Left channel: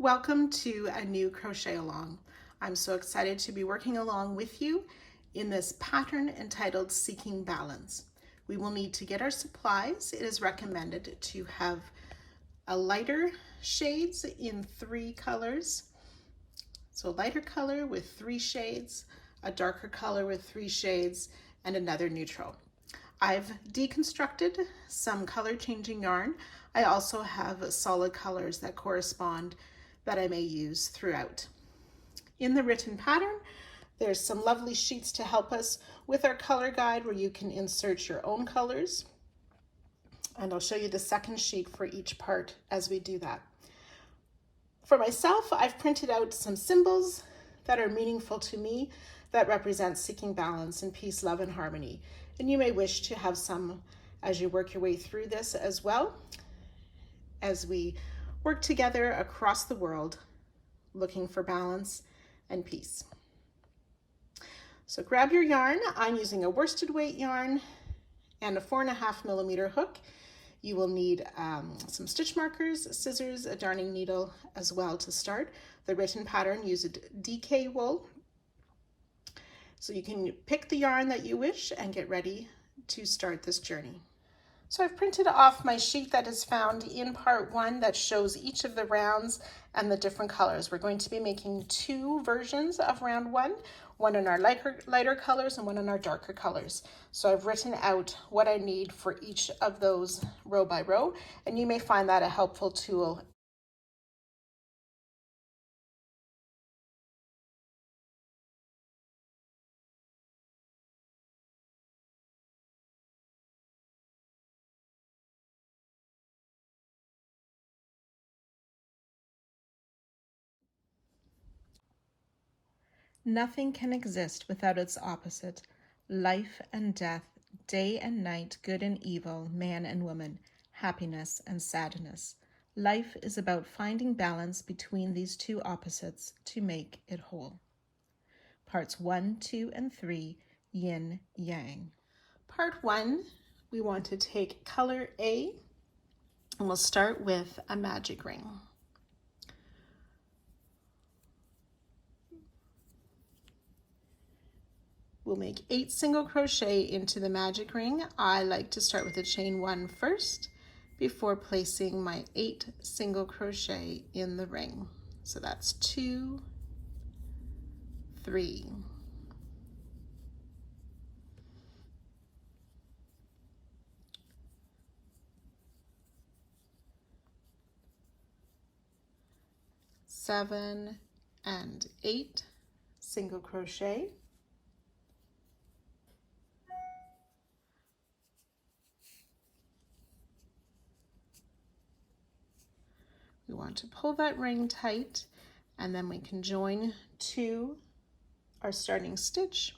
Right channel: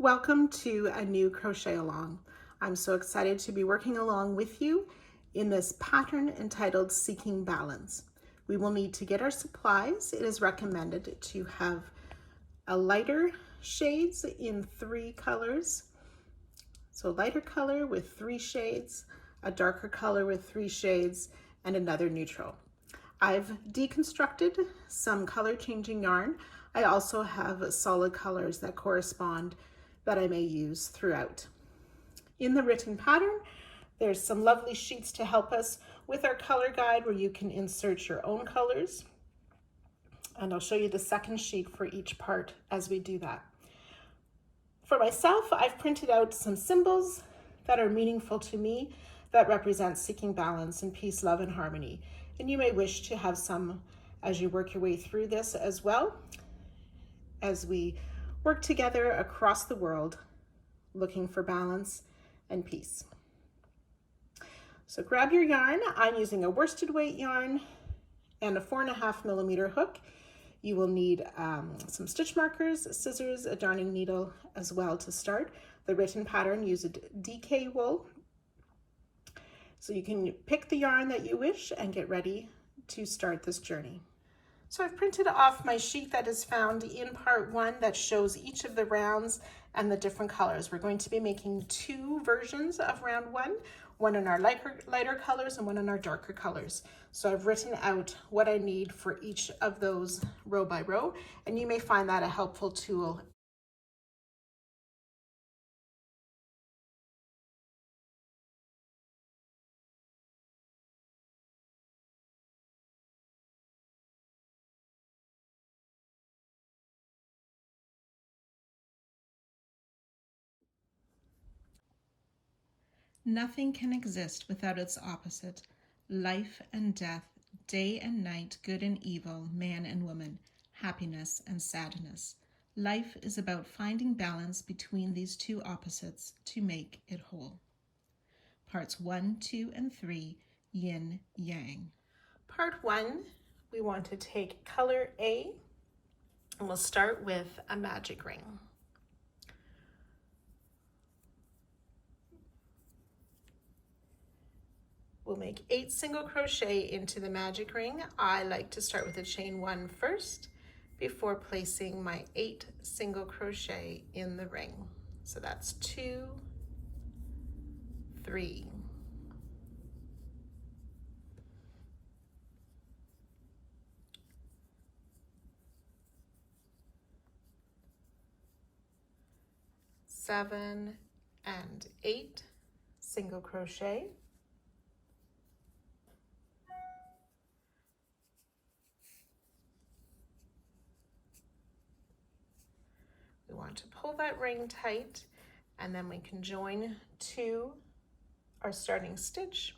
Welcome to a new crochet along. I'm so excited to be working along with you in this pattern entitled Seeking Balance. We will need to get our supplies. It is recommended to have a lighter shades in 3 colors. So a lighter color with 3 shades, a darker color with 3 shades, and another neutral. I've deconstructed some color changing yarn. I also have solid colors that correspond that I may use throughout. In the written pattern, there's some lovely sheets to help us with our color guide where you can insert your own colors. And I'll show you the second sheet for each part as we do that. For myself, I've printed out some symbols that are meaningful to me that represent seeking balance and peace, love, and harmony. And you may wish to have some as you work your way through this as well, as we work together across the world looking for balance and peace. So grab your yarn. I'm using a worsted weight yarn and a 4.5 millimeter hook. You will need some stitch markers, scissors, a darning needle as well to start. The written pattern uses DK wool. So you can pick the yarn that you wish and get ready to start this journey. So I've printed off my sheet that is found in part 1 that shows each of the rounds and the different colors. We're going to be making 2 versions of round 1, one in our lighter colors and one in our darker colors. So I've written out what I need for each of those row by row, and you may find that a helpful tool. Nothing can exist without its opposite. Life and death, day and night, good and evil, man and woman, happiness and sadness. Life is about finding balance between these two opposites to make it whole. Parts 1, 2, and 3, Yin Yang. Part 1, we want to take color A, and we'll start with a magic ring. We'll make 8 single crochet into the magic ring. I like to start with a chain 1 first before placing my 8 single crochet in the ring. So that's 2, 3, 7 and 8 single crochet. We want to pull that ring tight, and then we can join to our starting stitch.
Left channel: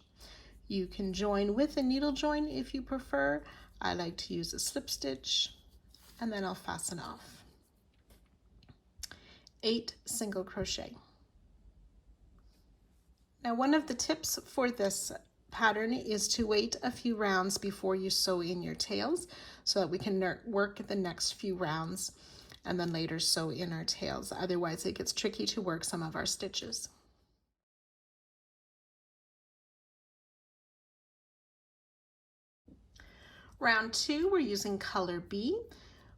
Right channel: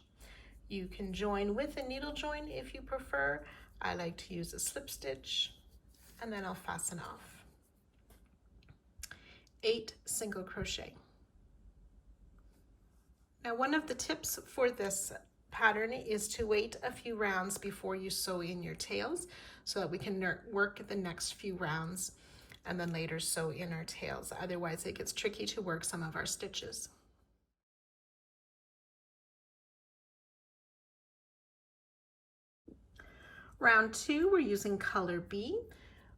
You can join with a needle join if you prefer. I like to use a slip stitch, and then I'll fasten off. 8 single crochet. Now, one of the tips for this pattern is to wait a few rounds before you sew in your tails so that we can work the next few rounds and then later sew in our tails. Otherwise, it gets tricky to work some of our stitches. Round 2, we're using color B.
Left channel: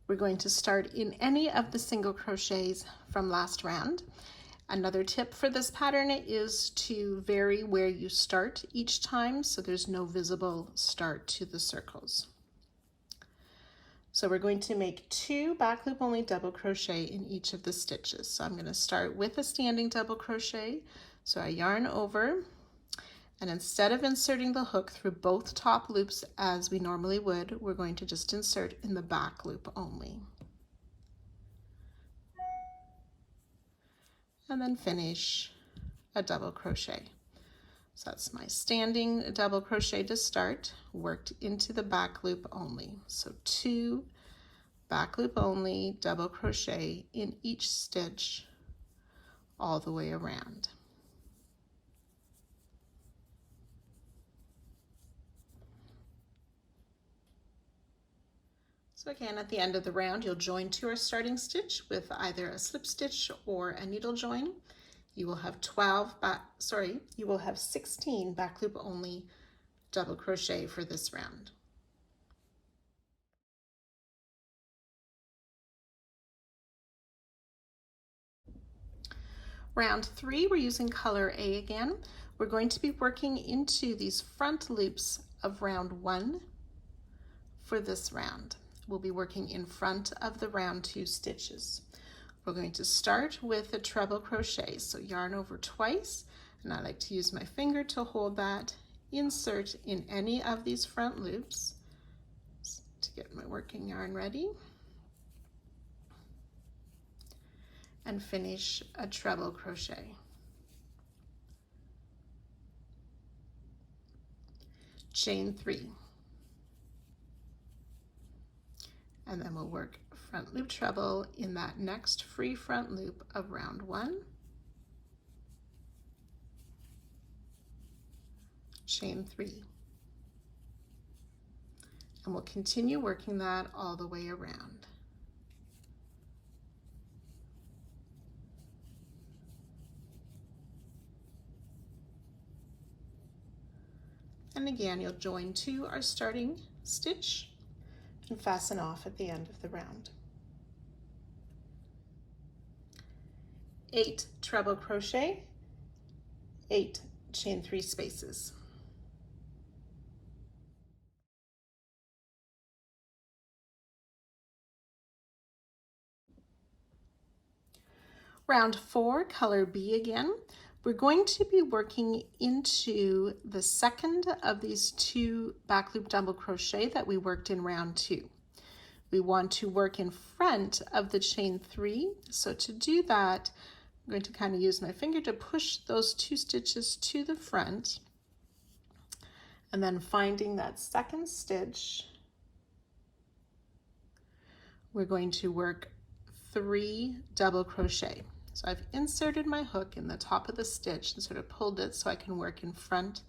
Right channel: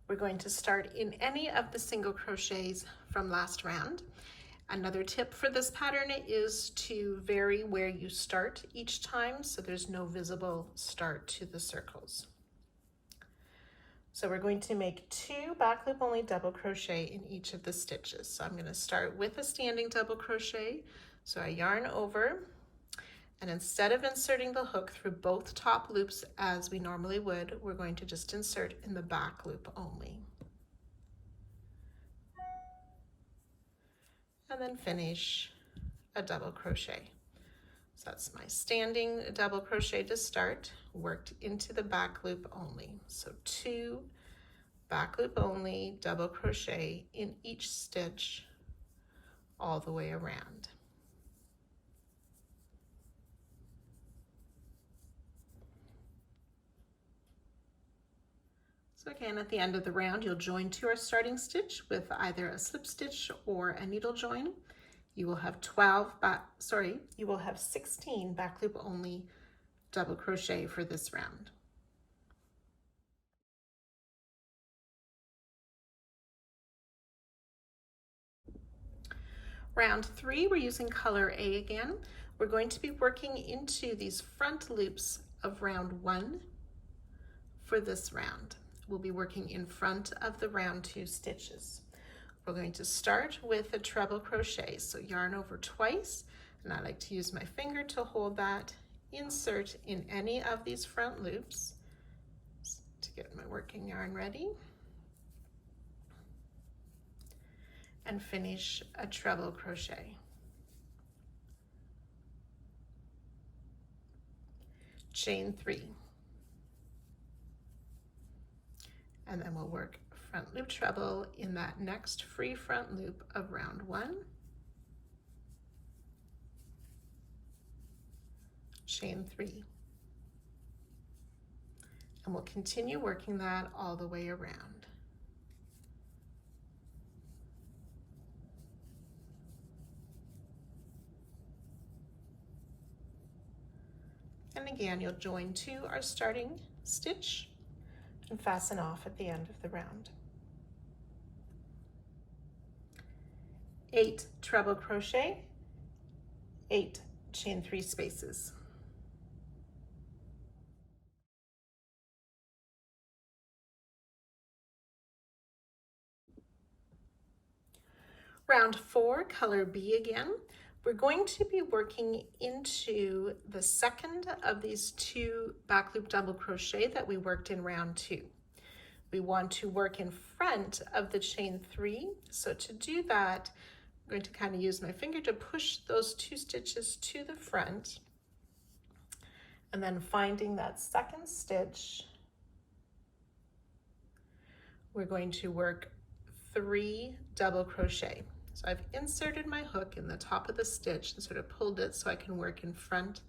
We're going to start in any of the single crochets from last round. Another tip for this pattern is to vary where you start each time so there's no visible start to the circles. So we're going to make 2 back loop only double crochet in each of the stitches. So I'm going to start with a standing double crochet. So I yarn over, and instead of inserting the hook through both top loops as we normally would, we're going to just insert in the back loop only. And then finish a double crochet. So that's my standing double crochet to start, worked into the back loop only. So 2 back loop only double crochet in each stitch all the way around. So again, at the end of the round, you'll join to our starting stitch with either a slip stitch or a needle join. You will have 16 back loop only double crochet for this round. Round 3, we're using color A again. We're going to be working into these front loops of round 1 for this round. We'll be working in front of the round 2 stitches. We're going to start with a treble crochet, so yarn over twice, and I like to use my finger to hold that, insert in any of these front loops to get my working yarn ready, and finish a treble crochet. Chain 3, and then we'll work front loop treble in that next free front loop of round 1, chain 3, and we'll continue working that all the way around. And again, you'll join to our starting stitch and fasten off at the end of the round. 8 treble crochet, 8 chain 3 spaces. Round 4, color B again. We're going to be working into the second of these 2 back loop double crochet that we worked in round 2. We want to work in front of the chain 3. So to do that, I'm going to kind of use my finger to push those 2 stitches to the front, and then finding that second stitch, we're going to work 3 double crochet. So I've inserted my hook in the top of the stitch and sort of pulled it so I can work in front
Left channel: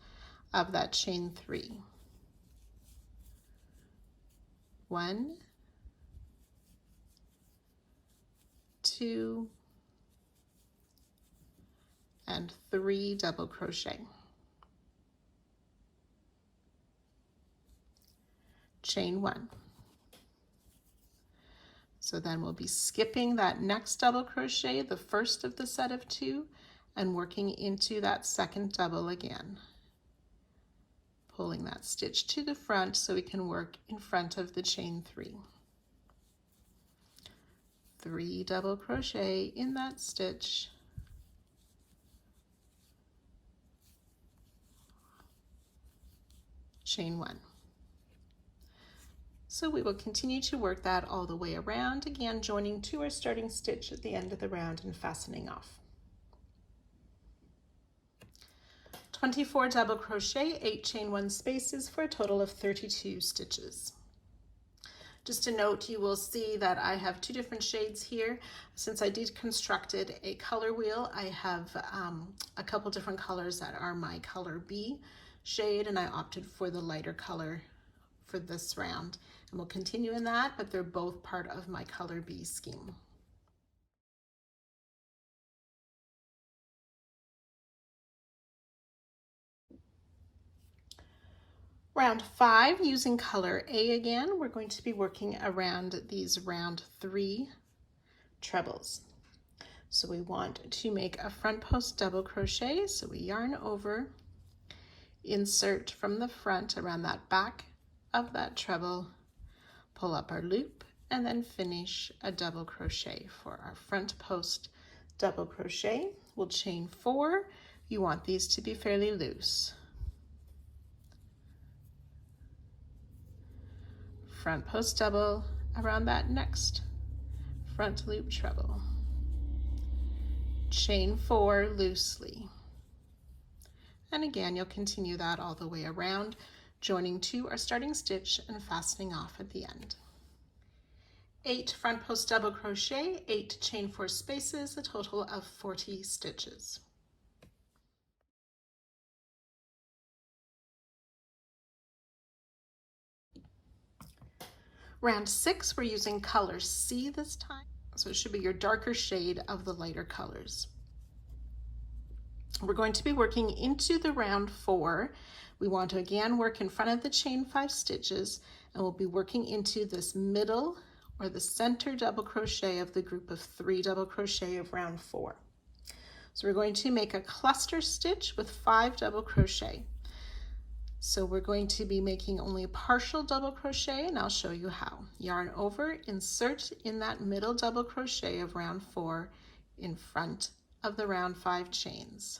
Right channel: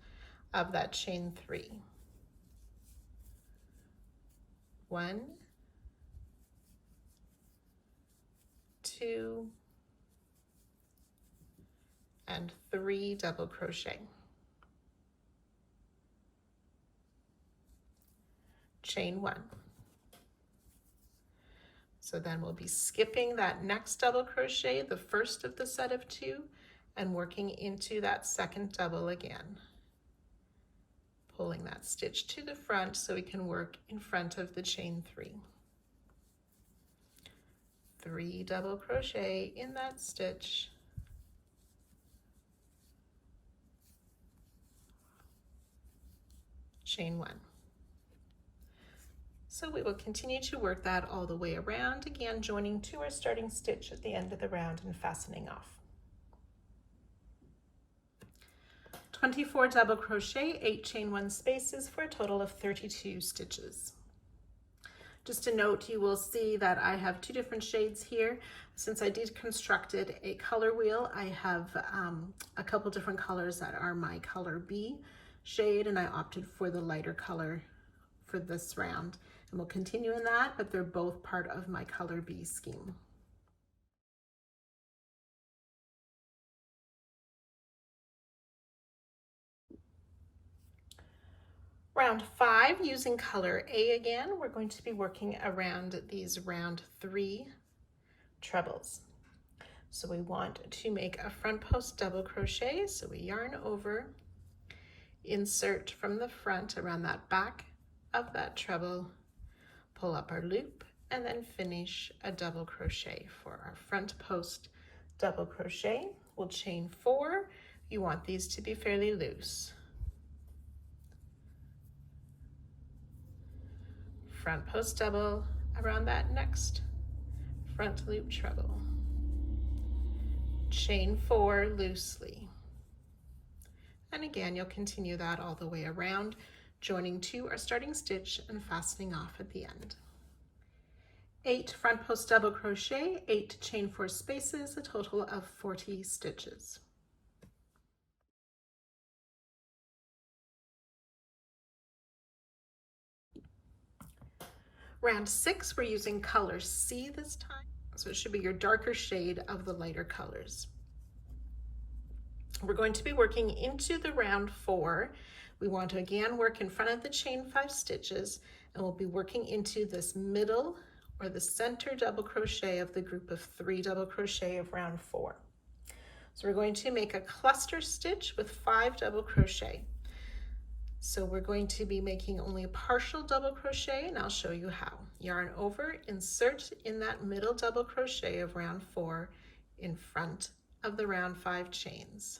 of that chain 3. 1, 2, and 3 double crochet. Chain 1. So then we'll be skipping that next double crochet, the first of the set of 2, and working into that second double again. Pulling that stitch to the front so we can work in front of the chain 3. 3 double crochet in that stitch. Chain 1. So we will continue to work that all the way around, again joining to our starting stitch at the end of the round and fastening off. 24 double crochet, 8 chain 1 spaces for a total of 32 stitches. Just a note, you will see that I have 2 different shades here. Since I deconstructed a color wheel, I have a couple different colors that are my color B shade, and I opted for the lighter color for this round. And we'll continue in that, but they're both part of my color B scheme. Round 5, using color A again, we're going to be working around these round 3 trebles. So we want to make a front post double crochet, so we yarn over, insert from the front around that back of that treble, pull up our loop, and then finish a double crochet for our front post double crochet. We'll chain 4. You want these to be fairly loose. Front post double around that next front loop treble. Chain 4 loosely. And again, you'll continue that all the way around, joining to our starting stitch and fastening off at the end. 8 front post double crochet, 8 chain 4 spaces, a total of 40 stitches. Round 6, we're using color C this time, so it should be your darker shade of the lighter colors. We're going to be working into the round 4. We want to again work in front of the chain 5 stitches, and we'll be working into this middle or the center double crochet of the group of 3 double crochet of round 4. So we're going to make a cluster stitch with 5 double crochet. So we're going to be making only a partial double crochet, and I'll show you how. Yarn over, insert in that middle double crochet of round 4 in front of the round 5 chains.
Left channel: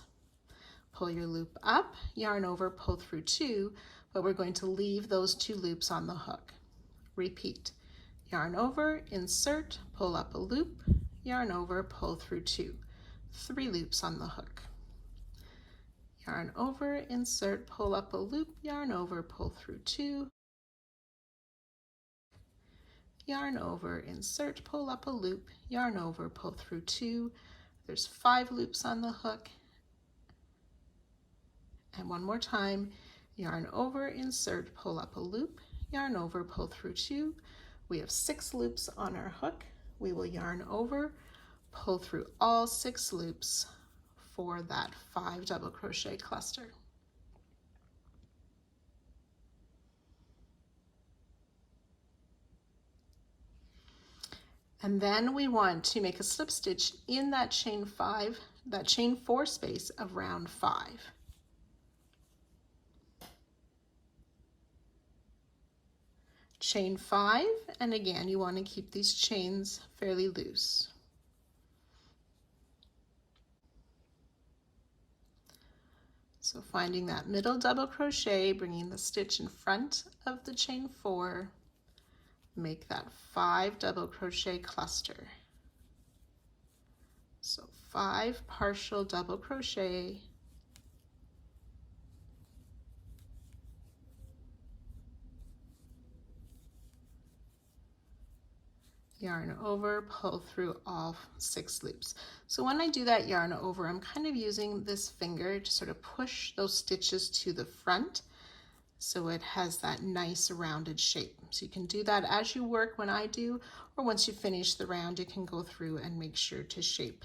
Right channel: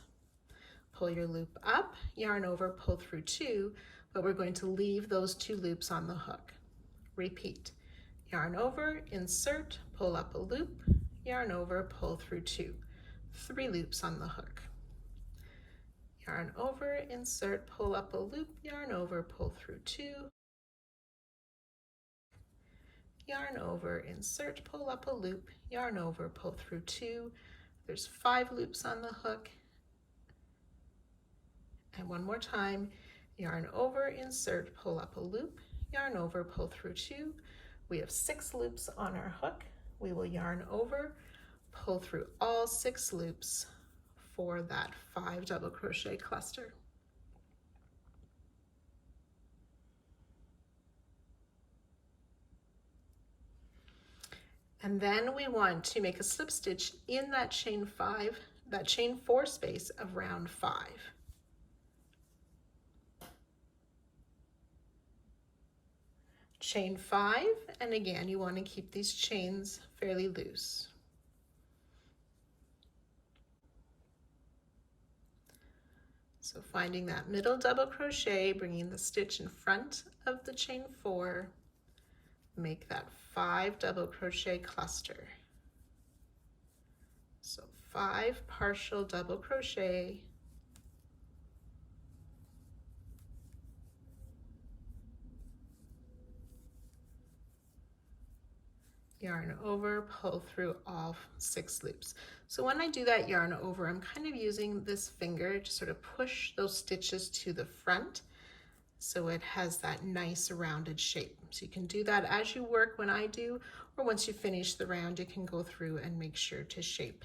Pull your loop up, yarn over, pull through 2, but we're going to leave those 2 loops on the hook. Repeat. Yarn over, insert, pull up a loop, yarn over, pull through 2. 3 loops on the hook. Yarn over, insert, pull up a loop, yarn over, pull through 2. Yarn over, insert, pull up a loop, yarn over, pull through 2. There's 5 loops on the hook. And one more time, yarn over, insert, pull up a loop, yarn over, pull through 2. We have 6 loops on our hook. We will yarn over, pull through all 6 loops for that 5 double crochet cluster. And then we want to make a slip stitch in that chain 4 space of round 5. Chain 5, and again you want to keep these chains fairly loose. So finding that middle double crochet, bringing the stitch in front of the chain 4, make that 5 double crochet cluster. So 5 partial double crochet, yarn over, pull through all 6 loops. So when I do that yarn over, I'm kind of using this finger to sort of push those stitches to the front so it has that nice rounded shape. So you can do that as you work when I do, or once you finish the round, you can go through and make sure to shape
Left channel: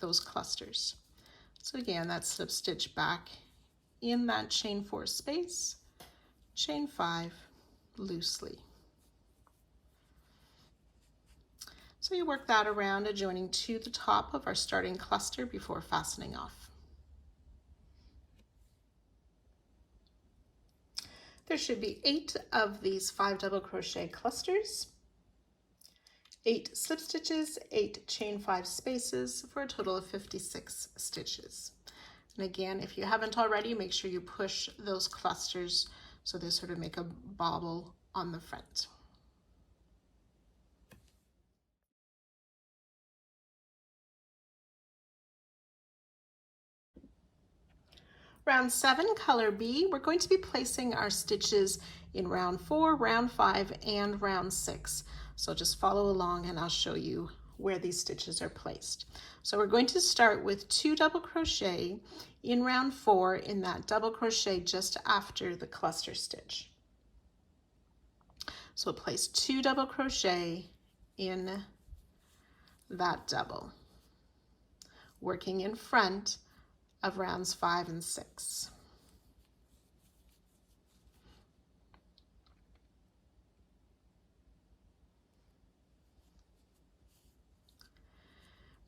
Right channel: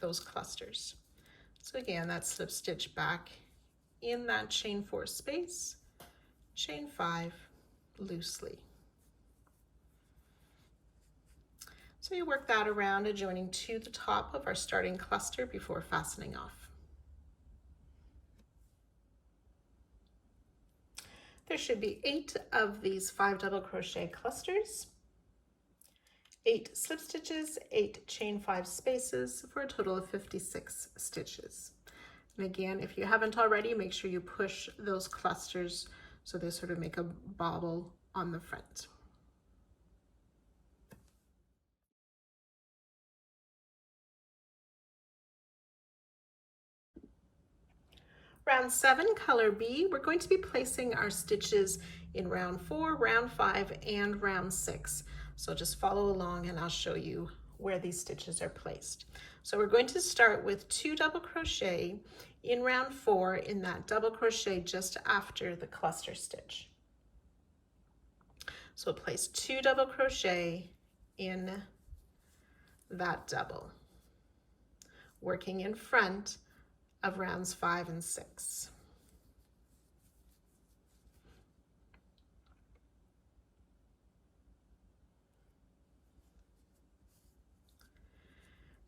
those clusters. So again, that slip stitch back in that chain 4 space, chain 5 loosely. So you work that around, adjoining to the top of our starting cluster before fastening off. There should be 8 of these 5 double crochet clusters, 8 slip stitches, 8 chain 5 spaces for a total of 56 stitches. And again, if you haven't already, make sure you push those clusters so they sort of make a bobble on the front. Round 7, color B, we're going to be placing our stitches in round 4, round 5, and round 6. So just follow along and I'll show you where these stitches are placed. So we're going to start with 2 double crochet in round 4 in that double crochet just after the cluster stitch. So we'll place 2 double crochet in that double, working in front of rounds 5 and 6.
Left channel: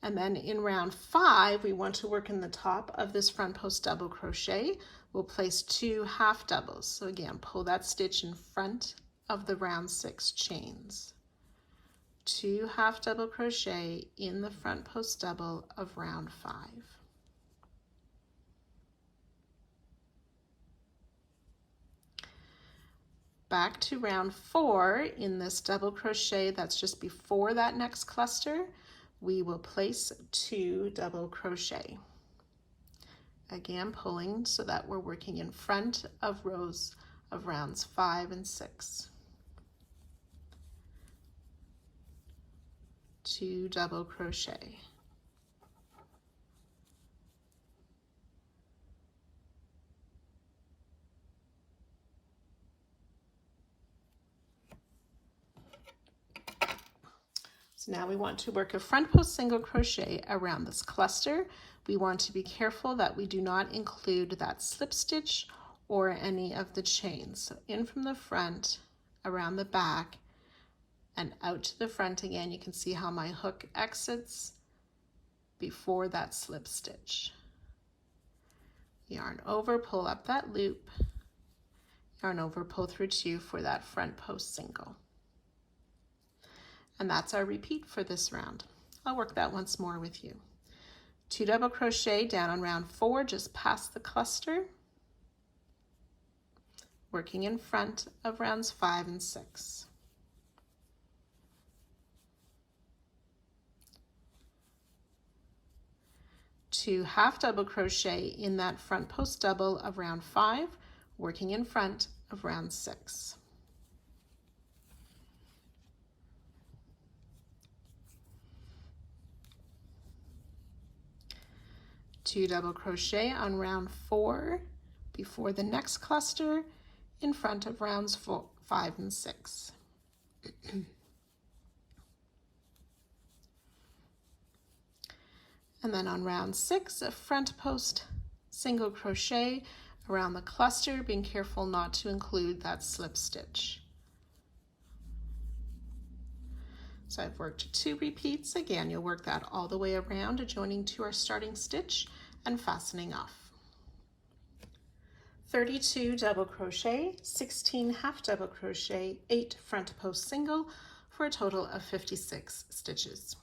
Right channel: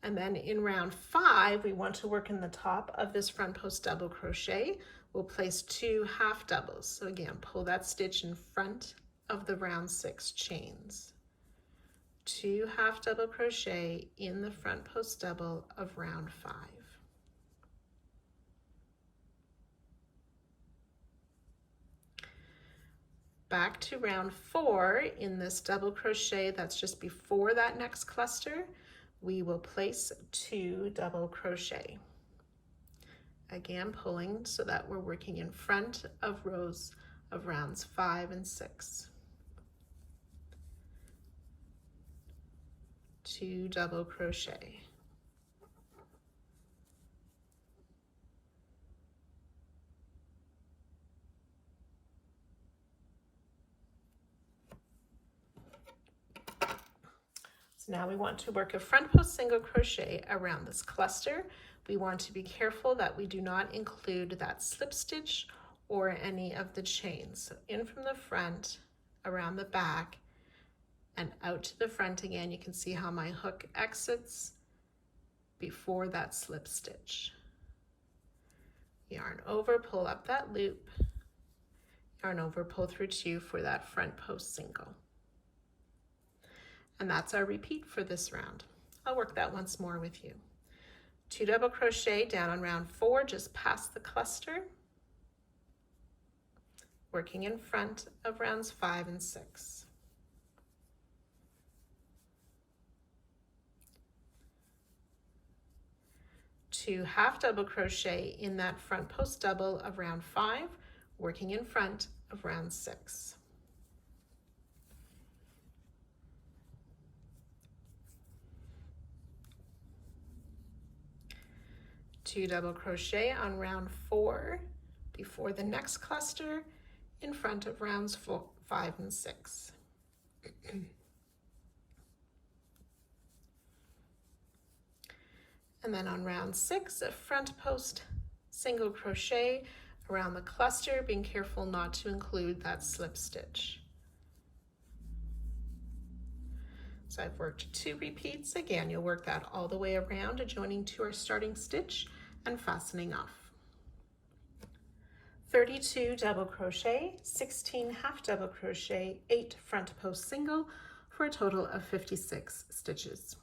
And then in round 5, we want to work in the top of this front post double crochet. We'll place 2 half doubles. So again, pull that stitch in front of the round 6 chains. 2 half double crochet in the front post double of round 5. Back to round 4 in this double crochet that's just before that next cluster, we will place 2 double crochet. Again, pulling so that we're working in front of rows of rounds 5 and 6. 2 double crochet. So now we want to work a front post single crochet around this cluster. We want to be careful that we do not include that slip stitch or any of the chains. So in from the front, around the back, and out to the front again. You can see how my hook exits before that slip stitch. Yarn over, pull up that loop, yarn over, pull through 2 for that front post single. And that's our repeat for this round. I'll work that once more with you. 2 double crochet down on round 4, just past the cluster, working in front of rounds 5 and 6. 2 half double crochet in that front post double of round 5, working in front of round 6. Two double crochet on round 4 before the next cluster in front of rounds 5 and 6. And then on round 6, a front post single crochet around the cluster, being careful not to include that slip stitch. So I've worked 2 repeats. Again, you'll work that all the way around, adjoining to our starting stitch and fastening off. 32 double crochet, 16 half double crochet, 8 front post single for a total of 56 stitches.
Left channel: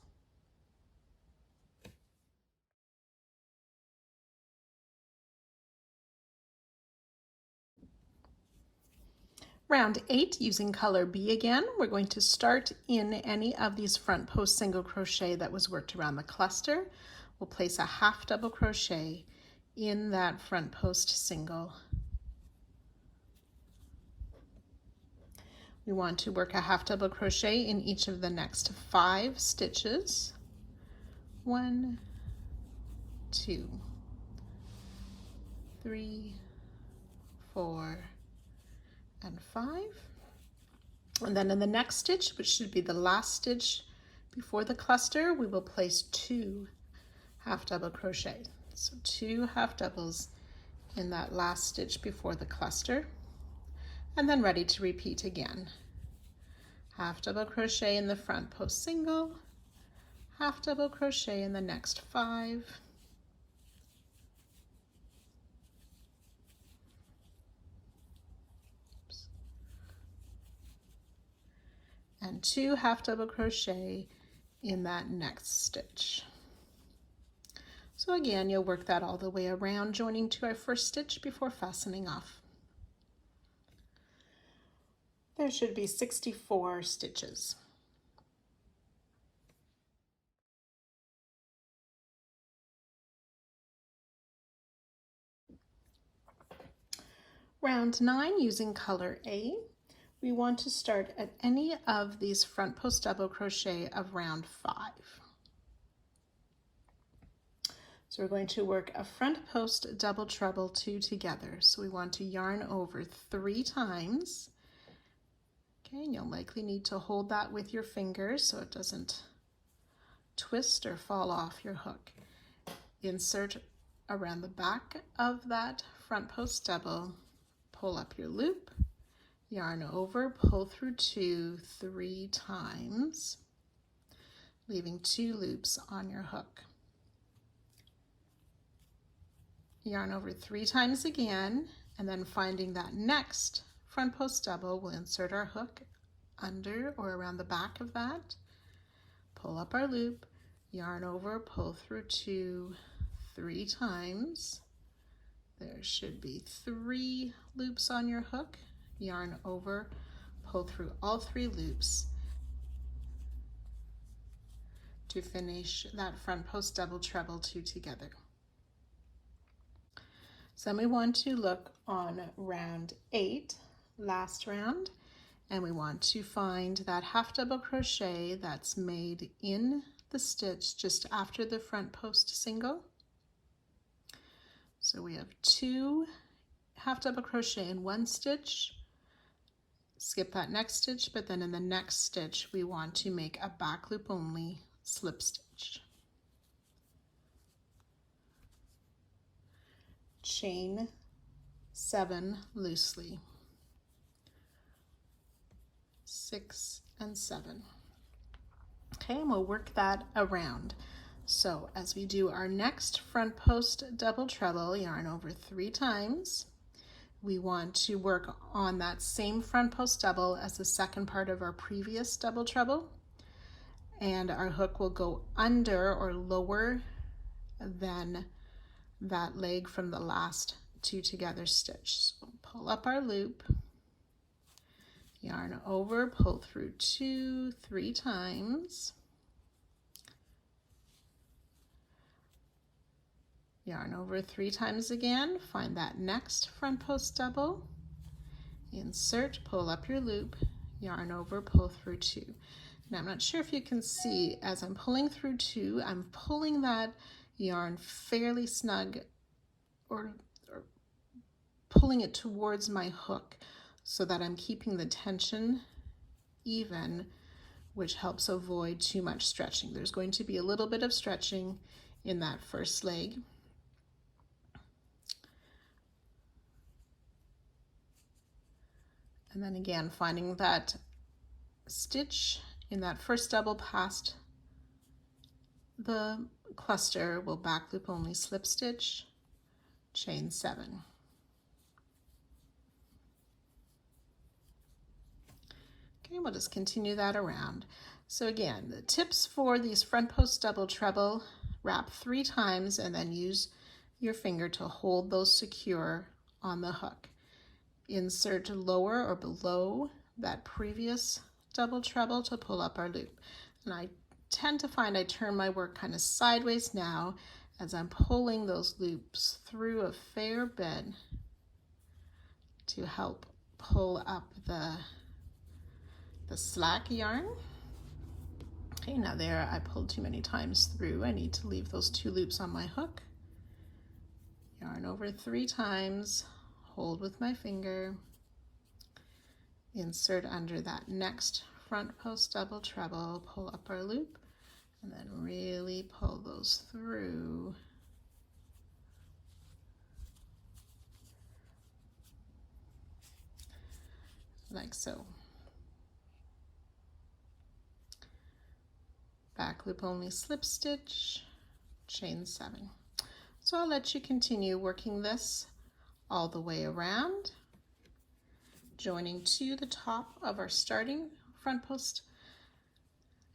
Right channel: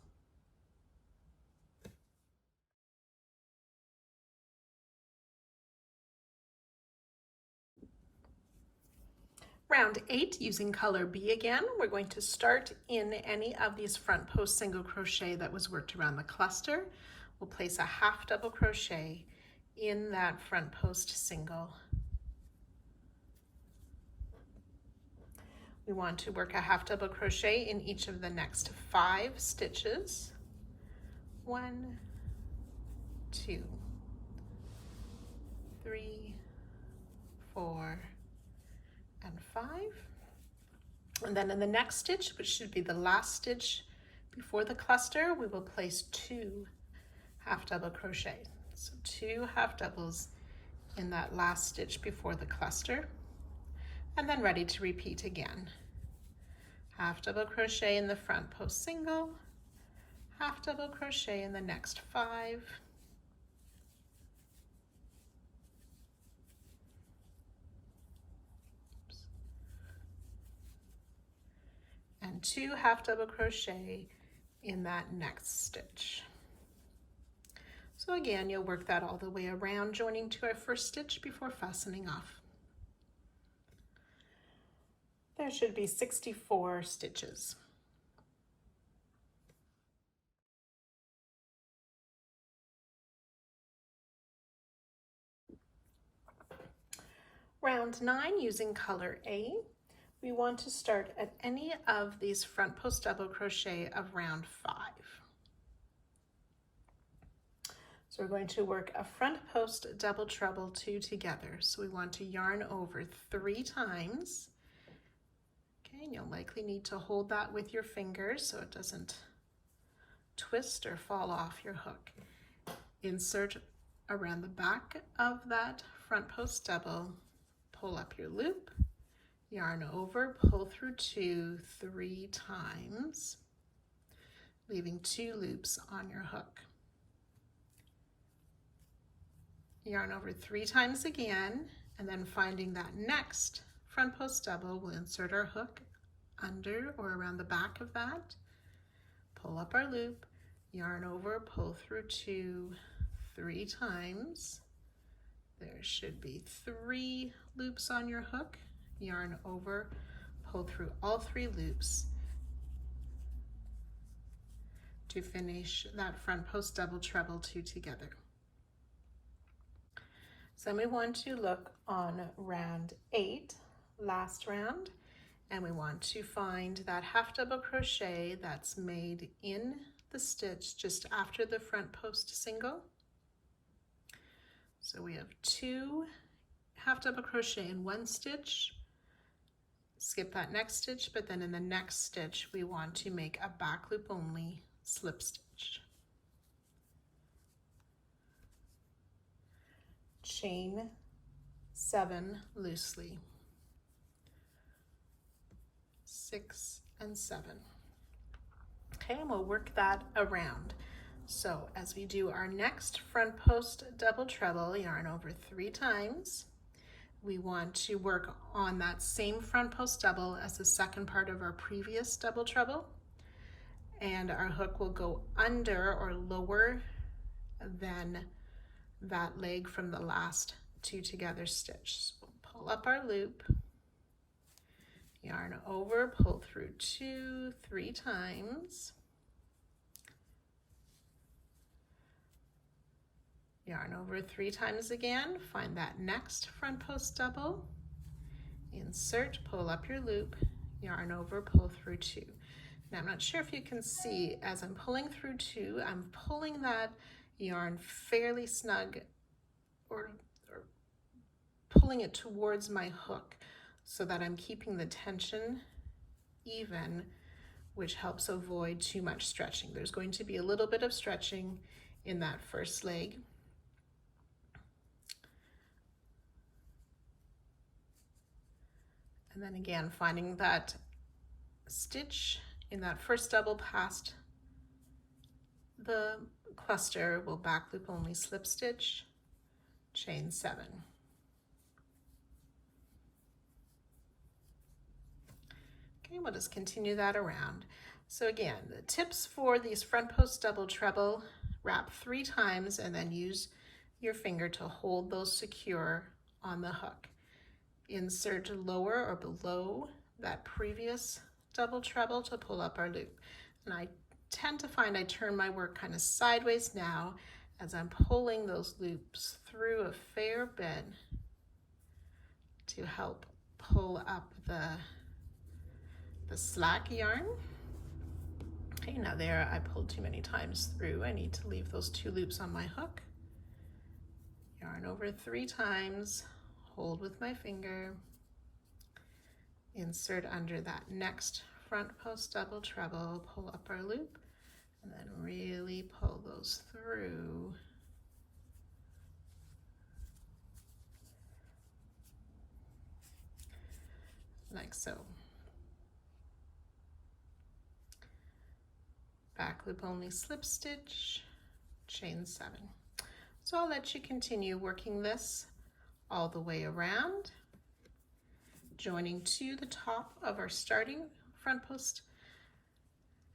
Round 8, using color B again, we're going to start in any of these front post single crochet that was worked around the cluster. We'll place a half double crochet in that front post single. We want to work a half double crochet in each of the next 5 stitches. 1, 2, 3, 4, and 5. And then in the next stitch, which should be the last stitch before the cluster, we will place 2 half double crochet. So 2 half doubles in that last stitch before the cluster, and then ready to repeat again. Half double crochet in the front post single, half double crochet in the next 5, and 2 half double crochet in that next stitch. So again, you'll work that all the way around, joining to our first stitch before fastening off. There should be 64 stitches. Round 9, using color A, we want to start at any of these front post double crochet of round 5. So we're going to work a front post double treble 2 together. So we want to yarn over 3 times. Okay, and you'll likely need to hold that with your fingers so it doesn't twist or fall off your hook. Insert around the back of that front post double, pull up your loop, yarn over, pull through 2 3 times, leaving 2 loops on your hook. Yarn over 3 times again, and then finding that next front post double, we'll insert our hook under or around the back of that, pull up our loop, yarn over, pull through 2 3 times. There should be 3 loops on your hook, yarn over, pull through all 3 loops to finish that front post double treble 2 together. So then we want to look on round 8, last round, and we want to find that half double crochet that's made in the stitch just after the front post single. So we have 2 half double crochet in one stitch, skip that next stitch, but then in the next stitch we want to make a back loop only slip stitch. Chain 7 loosely, 6 and 7. Okay, and we'll work that around. So as we do our next front post double treble, yarn over 3 times. We want to work on that same front post double as the second part of our previous double treble, and our hook will go under or lower than that leg from the last 2 together stitch. So pull up our loop, yarn over, pull through 2, 3 times, yarn over 3 times again, find that next front post double, insert, pull up your loop, yarn over, pull through 2. Now I'm not sure if you can see, as I'm pulling through 2, I'm pulling that yarn fairly snug, or pulling it towards my hook so that I'm keeping the tension even, which helps avoid too much stretching. There's going to be a little bit of stretching in that first leg. And then again, finding that stitch in that first double past the cluster, will back loop only slip stitch, chain 7. Okay, we'll just continue that around. So again, the tips for these front post double treble: wrap 3 times and then use your finger to hold those secure on the hook. Insert lower or below that previous double treble to pull up our loop. And I tend to find I turn my work kind of sideways now as I'm pulling those loops through a fair bit to help pull up the slack yarn. Okay, now there I pulled too many times through. I need to leave those 2 loops on my hook. Yarn over 3 times, hold with my finger, insert under that next front post double treble, pull up our loop, and then really pull those through. Like so. Back loop only slip stitch, chain 7. So I'll let you continue working this all the way around, joining to the top of our starting front post,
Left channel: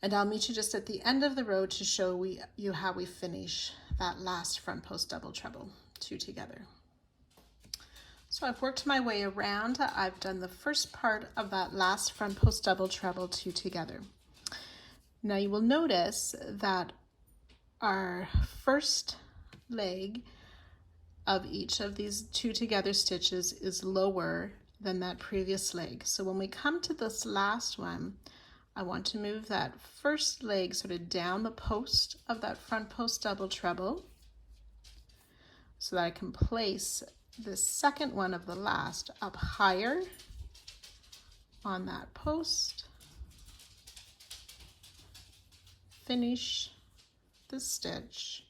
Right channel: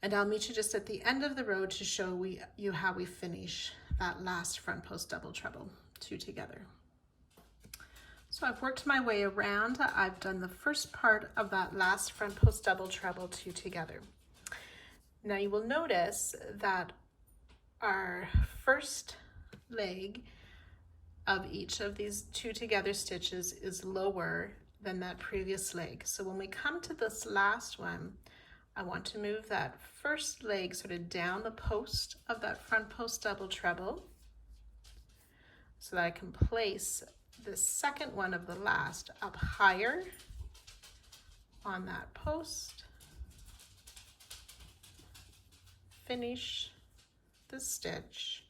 and I'll meet you just at the end of the row to show you how we finish that last front post double treble, 2 together. So I've worked my way around. I've done the first part of that last front post double treble, 2 together. Now you will notice that our first leg of each of these 2 together stitches is lower than that previous leg. So when we come to this last one, I want to move that first leg sort of down the post of that front post double treble so that I can place the second one of the last up higher on that post, finish the stitch,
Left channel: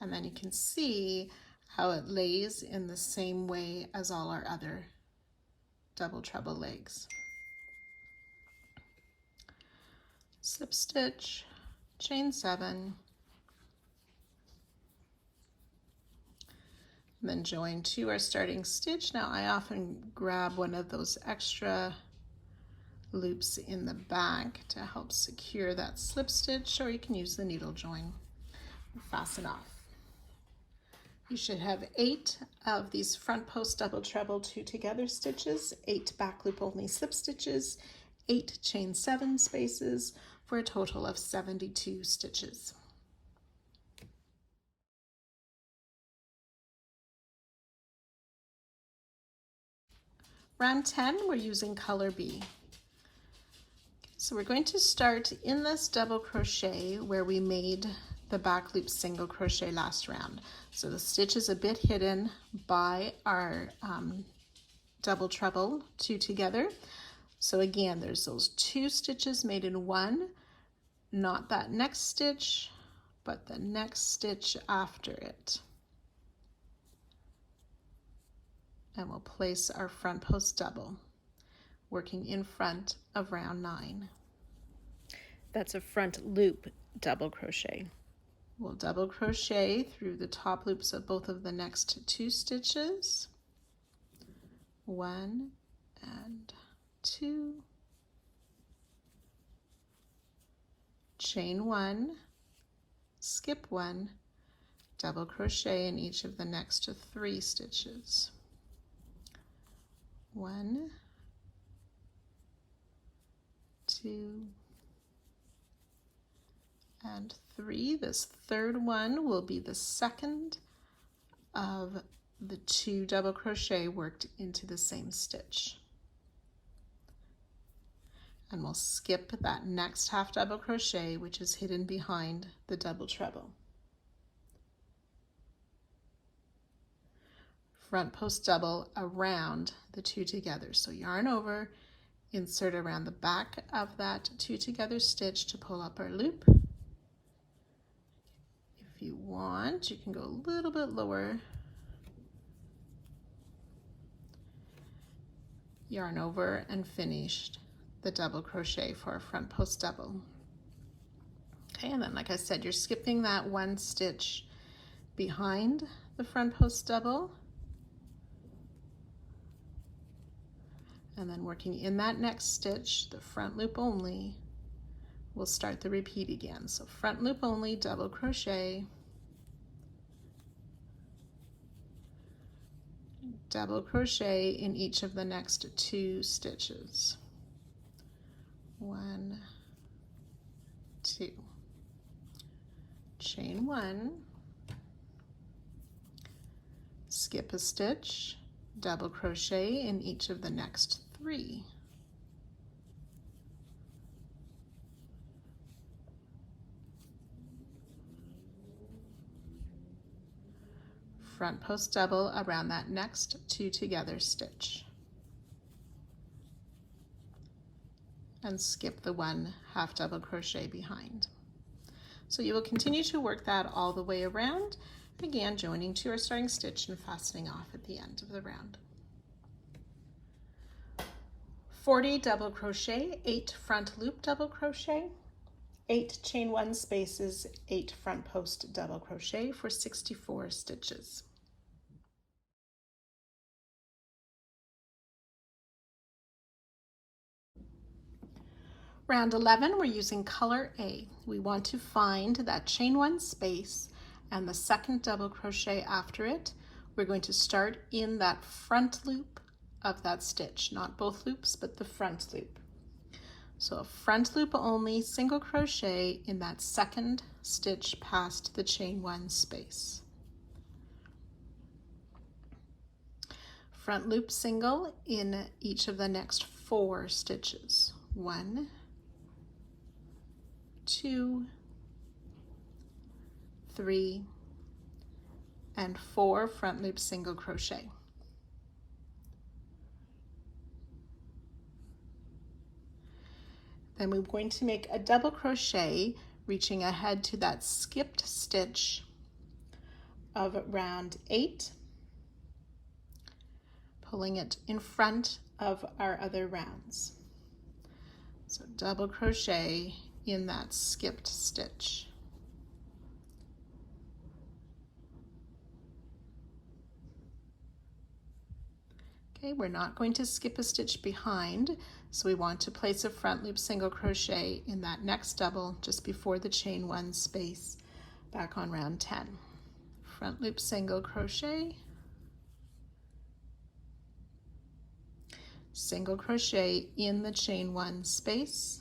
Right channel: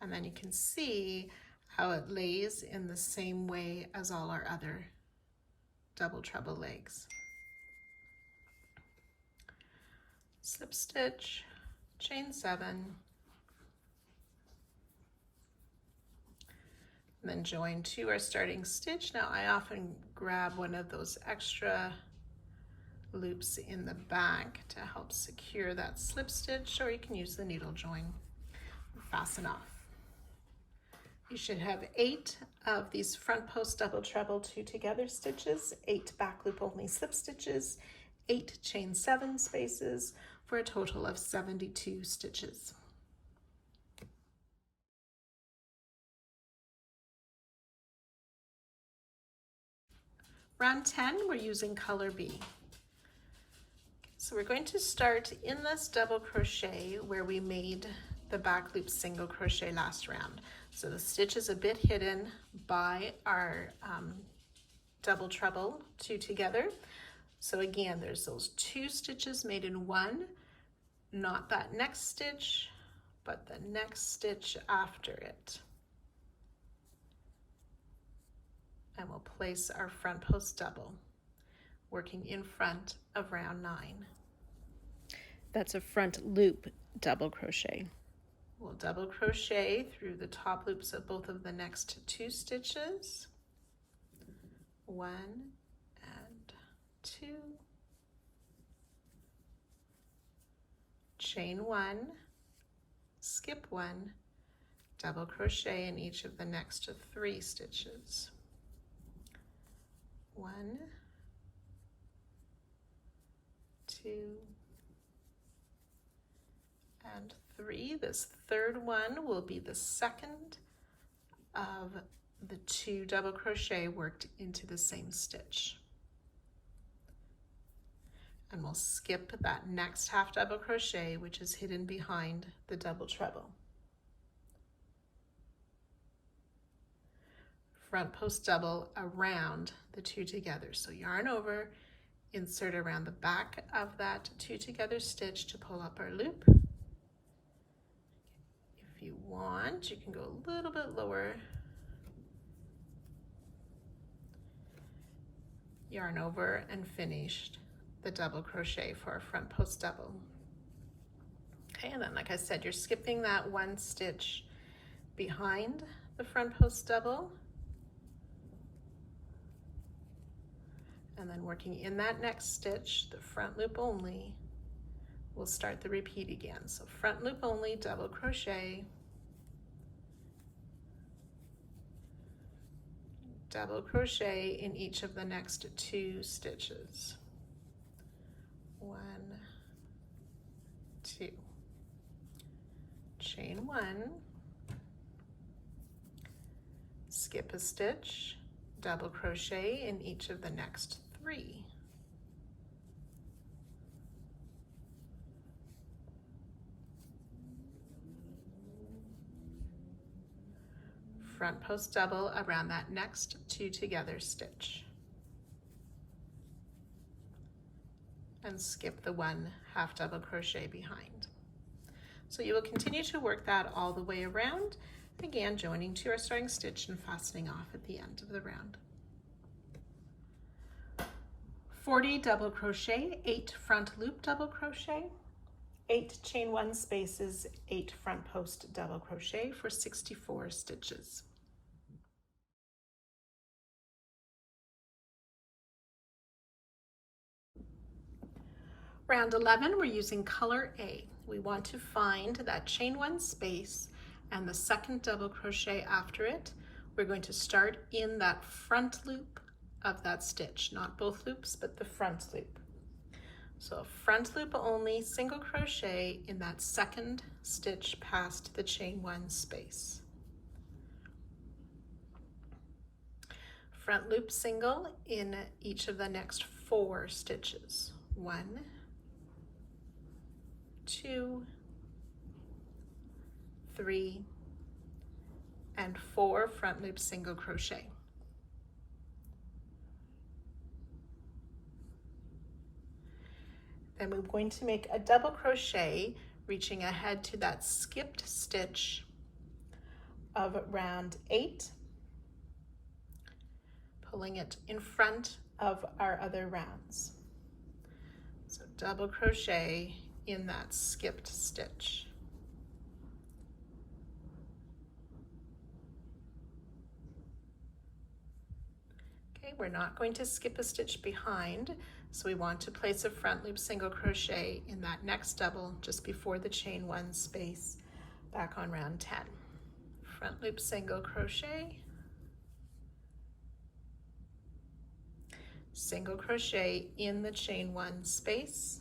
and then you can see how it lays in the same way as all our other double treble legs. Slip stitch, chain 7, and then join to our starting stitch. Now I often grab one of those extra loops in the back to help secure that slip stitch, or you can use the needle join. Fasten off. You should have 8 of these front post double treble 2 together stitches, 8 back loop only slip stitches, 8 chain 7 spaces, for a total of 72 stitches. Round 10, we're using color B. So we're going to start in this double crochet where we made the back loop single crochet last round. So the stitch is a bit hidden by our double treble, 2 together. So again, there's those 2 stitches made in one, not that next stitch, but the next stitch after it. And we'll place our front post double, working in front of round 9. That's a front loop double crochet. We'll double crochet through the top loops of both of the next 2 stitches. 1 and 2. Chain 1, skip 1, double crochet in each of the next 3 stitches. 1, 2, and 3. This third one will be the second of the 2 double crochet worked into the same stitch. And we'll skip that next half double crochet, which is hidden behind the double treble. Front post double around the 2 together. So yarn over, insert around the back of that 2 together stitch to pull up our loop. If you want, you can go a little bit lower. Yarn over and finished the double crochet for a front post double. Okay, and then like I said, you're skipping that 1 stitch behind the front post double, and then working in that next stitch, the front loop only, we'll start the repeat again. So front loop only, double crochet, double crochet in each of the next 2 stitches. 1, 2, chain 1, skip a stitch, double crochet in each of the next 3. Front post double around that next 2 together stitch. And skip the 1 half double crochet behind. So you will continue to work that all the way around, again joining to our starting stitch and fastening off at the end of the round. 40 double crochet, 8 front loop double crochet, 8 chain 1 spaces, 8 front post double crochet for 64 stitches. Round 11, we're using color A. We want to find that chain 1 space and the second double crochet after it. We're going to start in that front loop of that stitch, not both loops, but the front loop. So a front loop only, single crochet in that second stitch past the chain 1 space. Front loop single in each of the next 4 stitches. 1, 2, 3, and 4 front loop single crochet. Then we're going to make a double crochet reaching ahead to that skipped stitch of round 8, pulling it in front of our other rounds. So double crochet in that skipped stitch. Okay, we're not going to skip a stitch behind, so we want to place a front loop single crochet in that next double just before the chain 1 space back on round 10. Front loop single crochet, single crochet in the chain 1 space,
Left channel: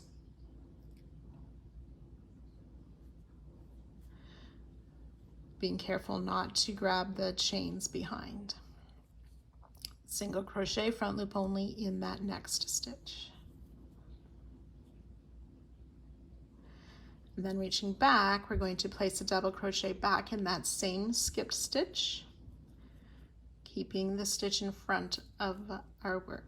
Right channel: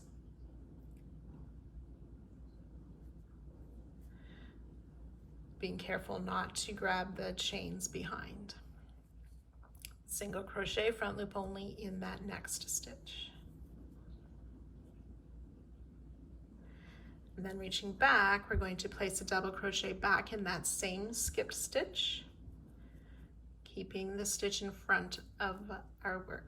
being careful not to grab the chains behind. Single crochet, front loop only in that next stitch. And then reaching back, we're going to place a double crochet back in that same skipped stitch, keeping the stitch in front of our work.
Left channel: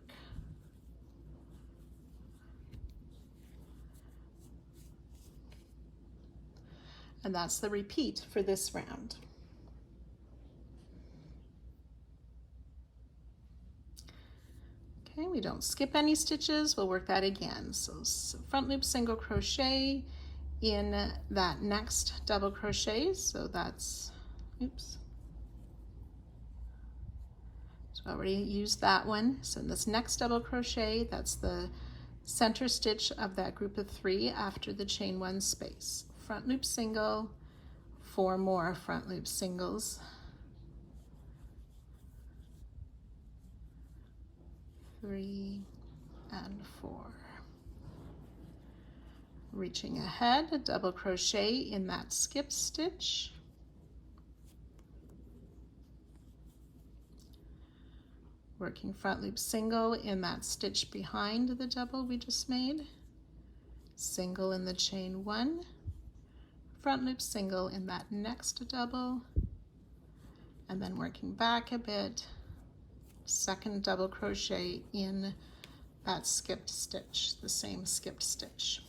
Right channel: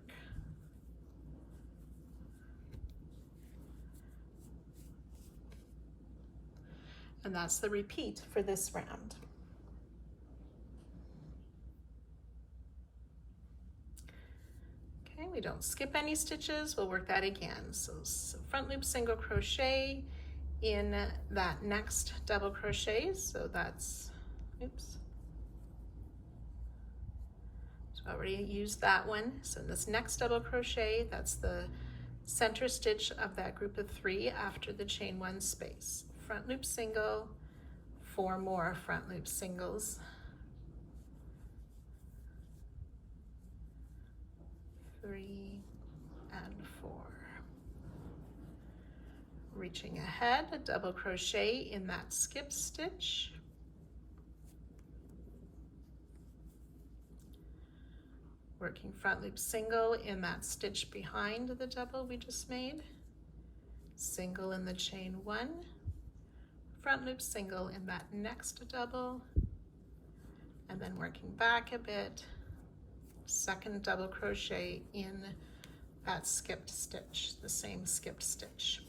And that's the repeat for this round. Okay, we don't skip any stitches, we'll work that again. So front loop single crochet in that next double crochet, so that's, oops. So I already used that one. So in this next double crochet, that's the center stitch of that group of 3 after the chain 1 space. Front loop single, 4 more front loop singles, 3 and 4. Reaching ahead, a double crochet in that skip stitch. Working front loop single in that stitch behind the double we just made. Single in the chain 1. Front loop single in that next double. And then working back a bit, second double crochet in that skipped stitch, the same skipped stitch.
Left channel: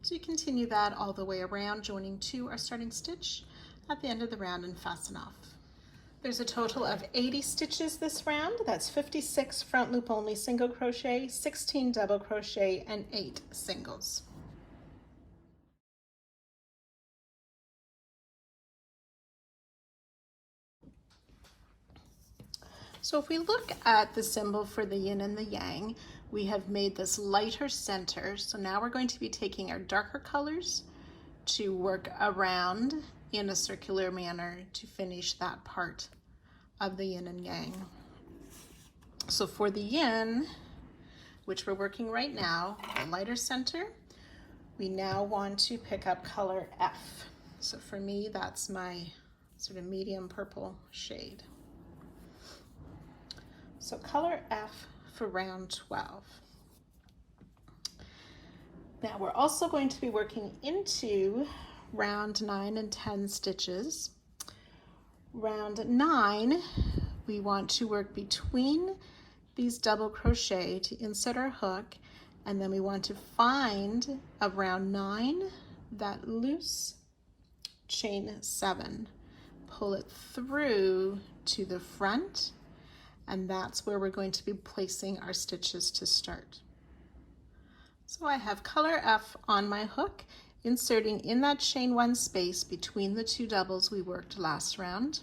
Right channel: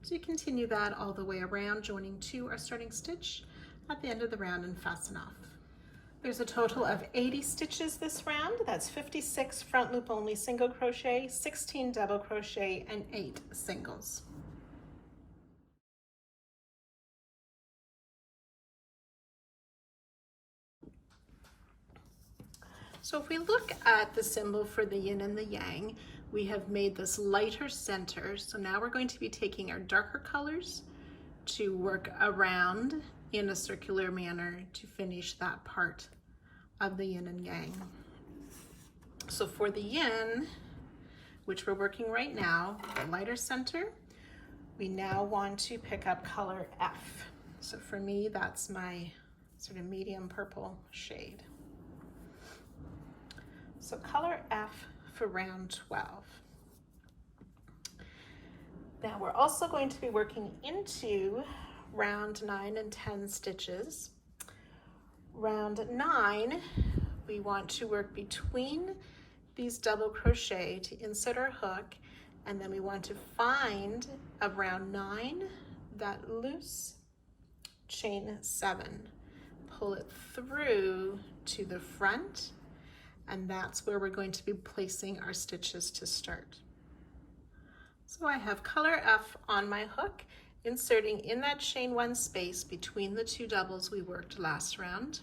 So you continue that all the way around, joining to our starting stitch at the end of the round and fasten off. There's a total of 80 stitches this round. That's 56 front loop only single crochet, 16 double crochet, and 8 singles. So if we look at the symbol for the yin and the yang, we have made this lighter center. So now we're going to be taking our darker colors to work around in a circular manner to finish that part of the yin and yang. So for the yin, which we're working right now, the lighter center, we now want to pick up color F. So for me, that's my sort of medium purple shade. So color F for round 12. Now we're also going to be working into round 9 and 10 stitches. Round 9, we want to work between these double crochet to insert our hook, and then we want to find around 9 that loose chain 7, pull it through to the front, and that's where we're going to be placing our stitches to start. So I have color F on my hook, inserting in that chain 1 space between the 2 doubles we worked last round,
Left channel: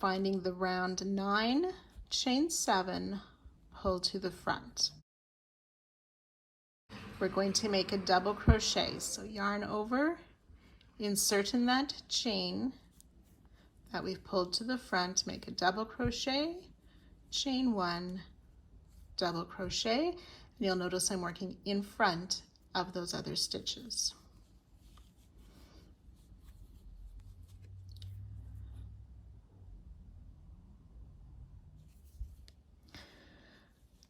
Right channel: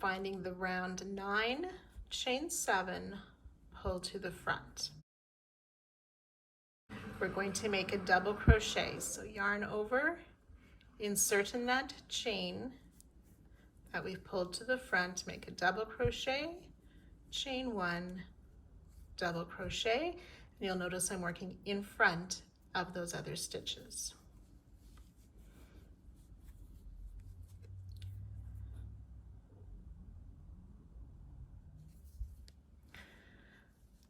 finding the round 9, chain 7, pull to the front. We're going to make a double crochet, so yarn over, insert in that chain that we've pulled to the front, make a double crochet, chain 1, double crochet, and you'll notice I'm working in front of those other stitches.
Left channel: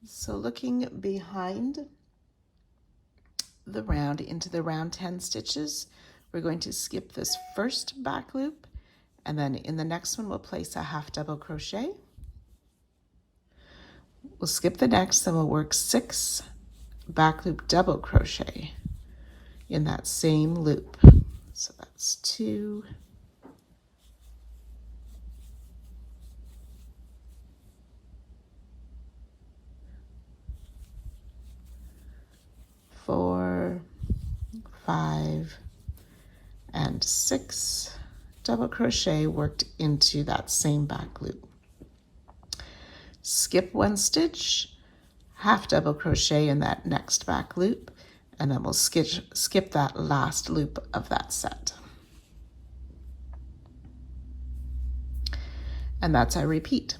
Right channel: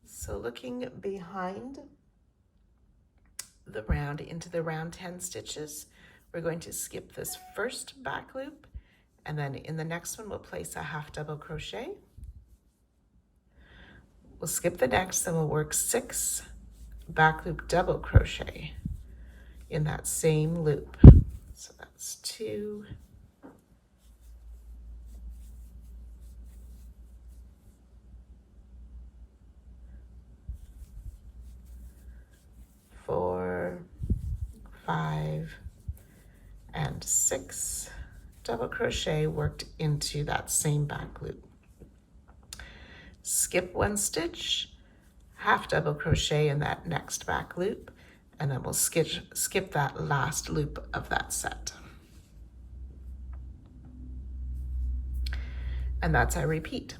So looking behind the round into the round 10 stitches, we're going to skip this first back loop, and then in the next one we'll place a half double crochet. We'll skip the next, then we'll work 6 back loop double crochet in that same loop. So that's 2, 4, 5, and 6 double crochet worked into that same back loop. Skip 1 stitch, half double crochet in that next back loop, and then we'll skip that last loop of that set. And that's our repeat.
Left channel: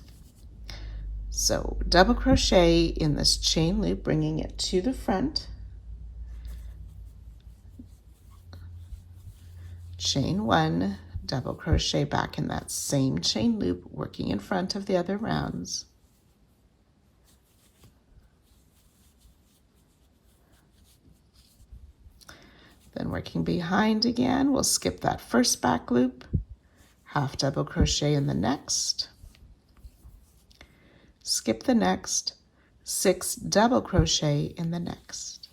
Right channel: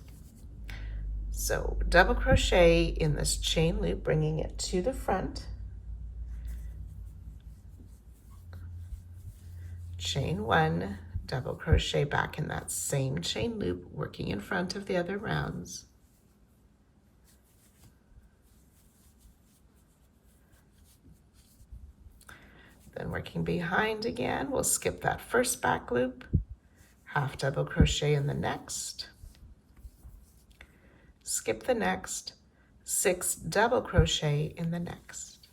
So double crochet in this chain loop, bringing it to the front, chain 1, double crochet back in that same chain loop, working in front of the other rounds. Then working behind again, we'll skip that first back loop, half double crochet in the next, skip the next, 6 double crochet in the next.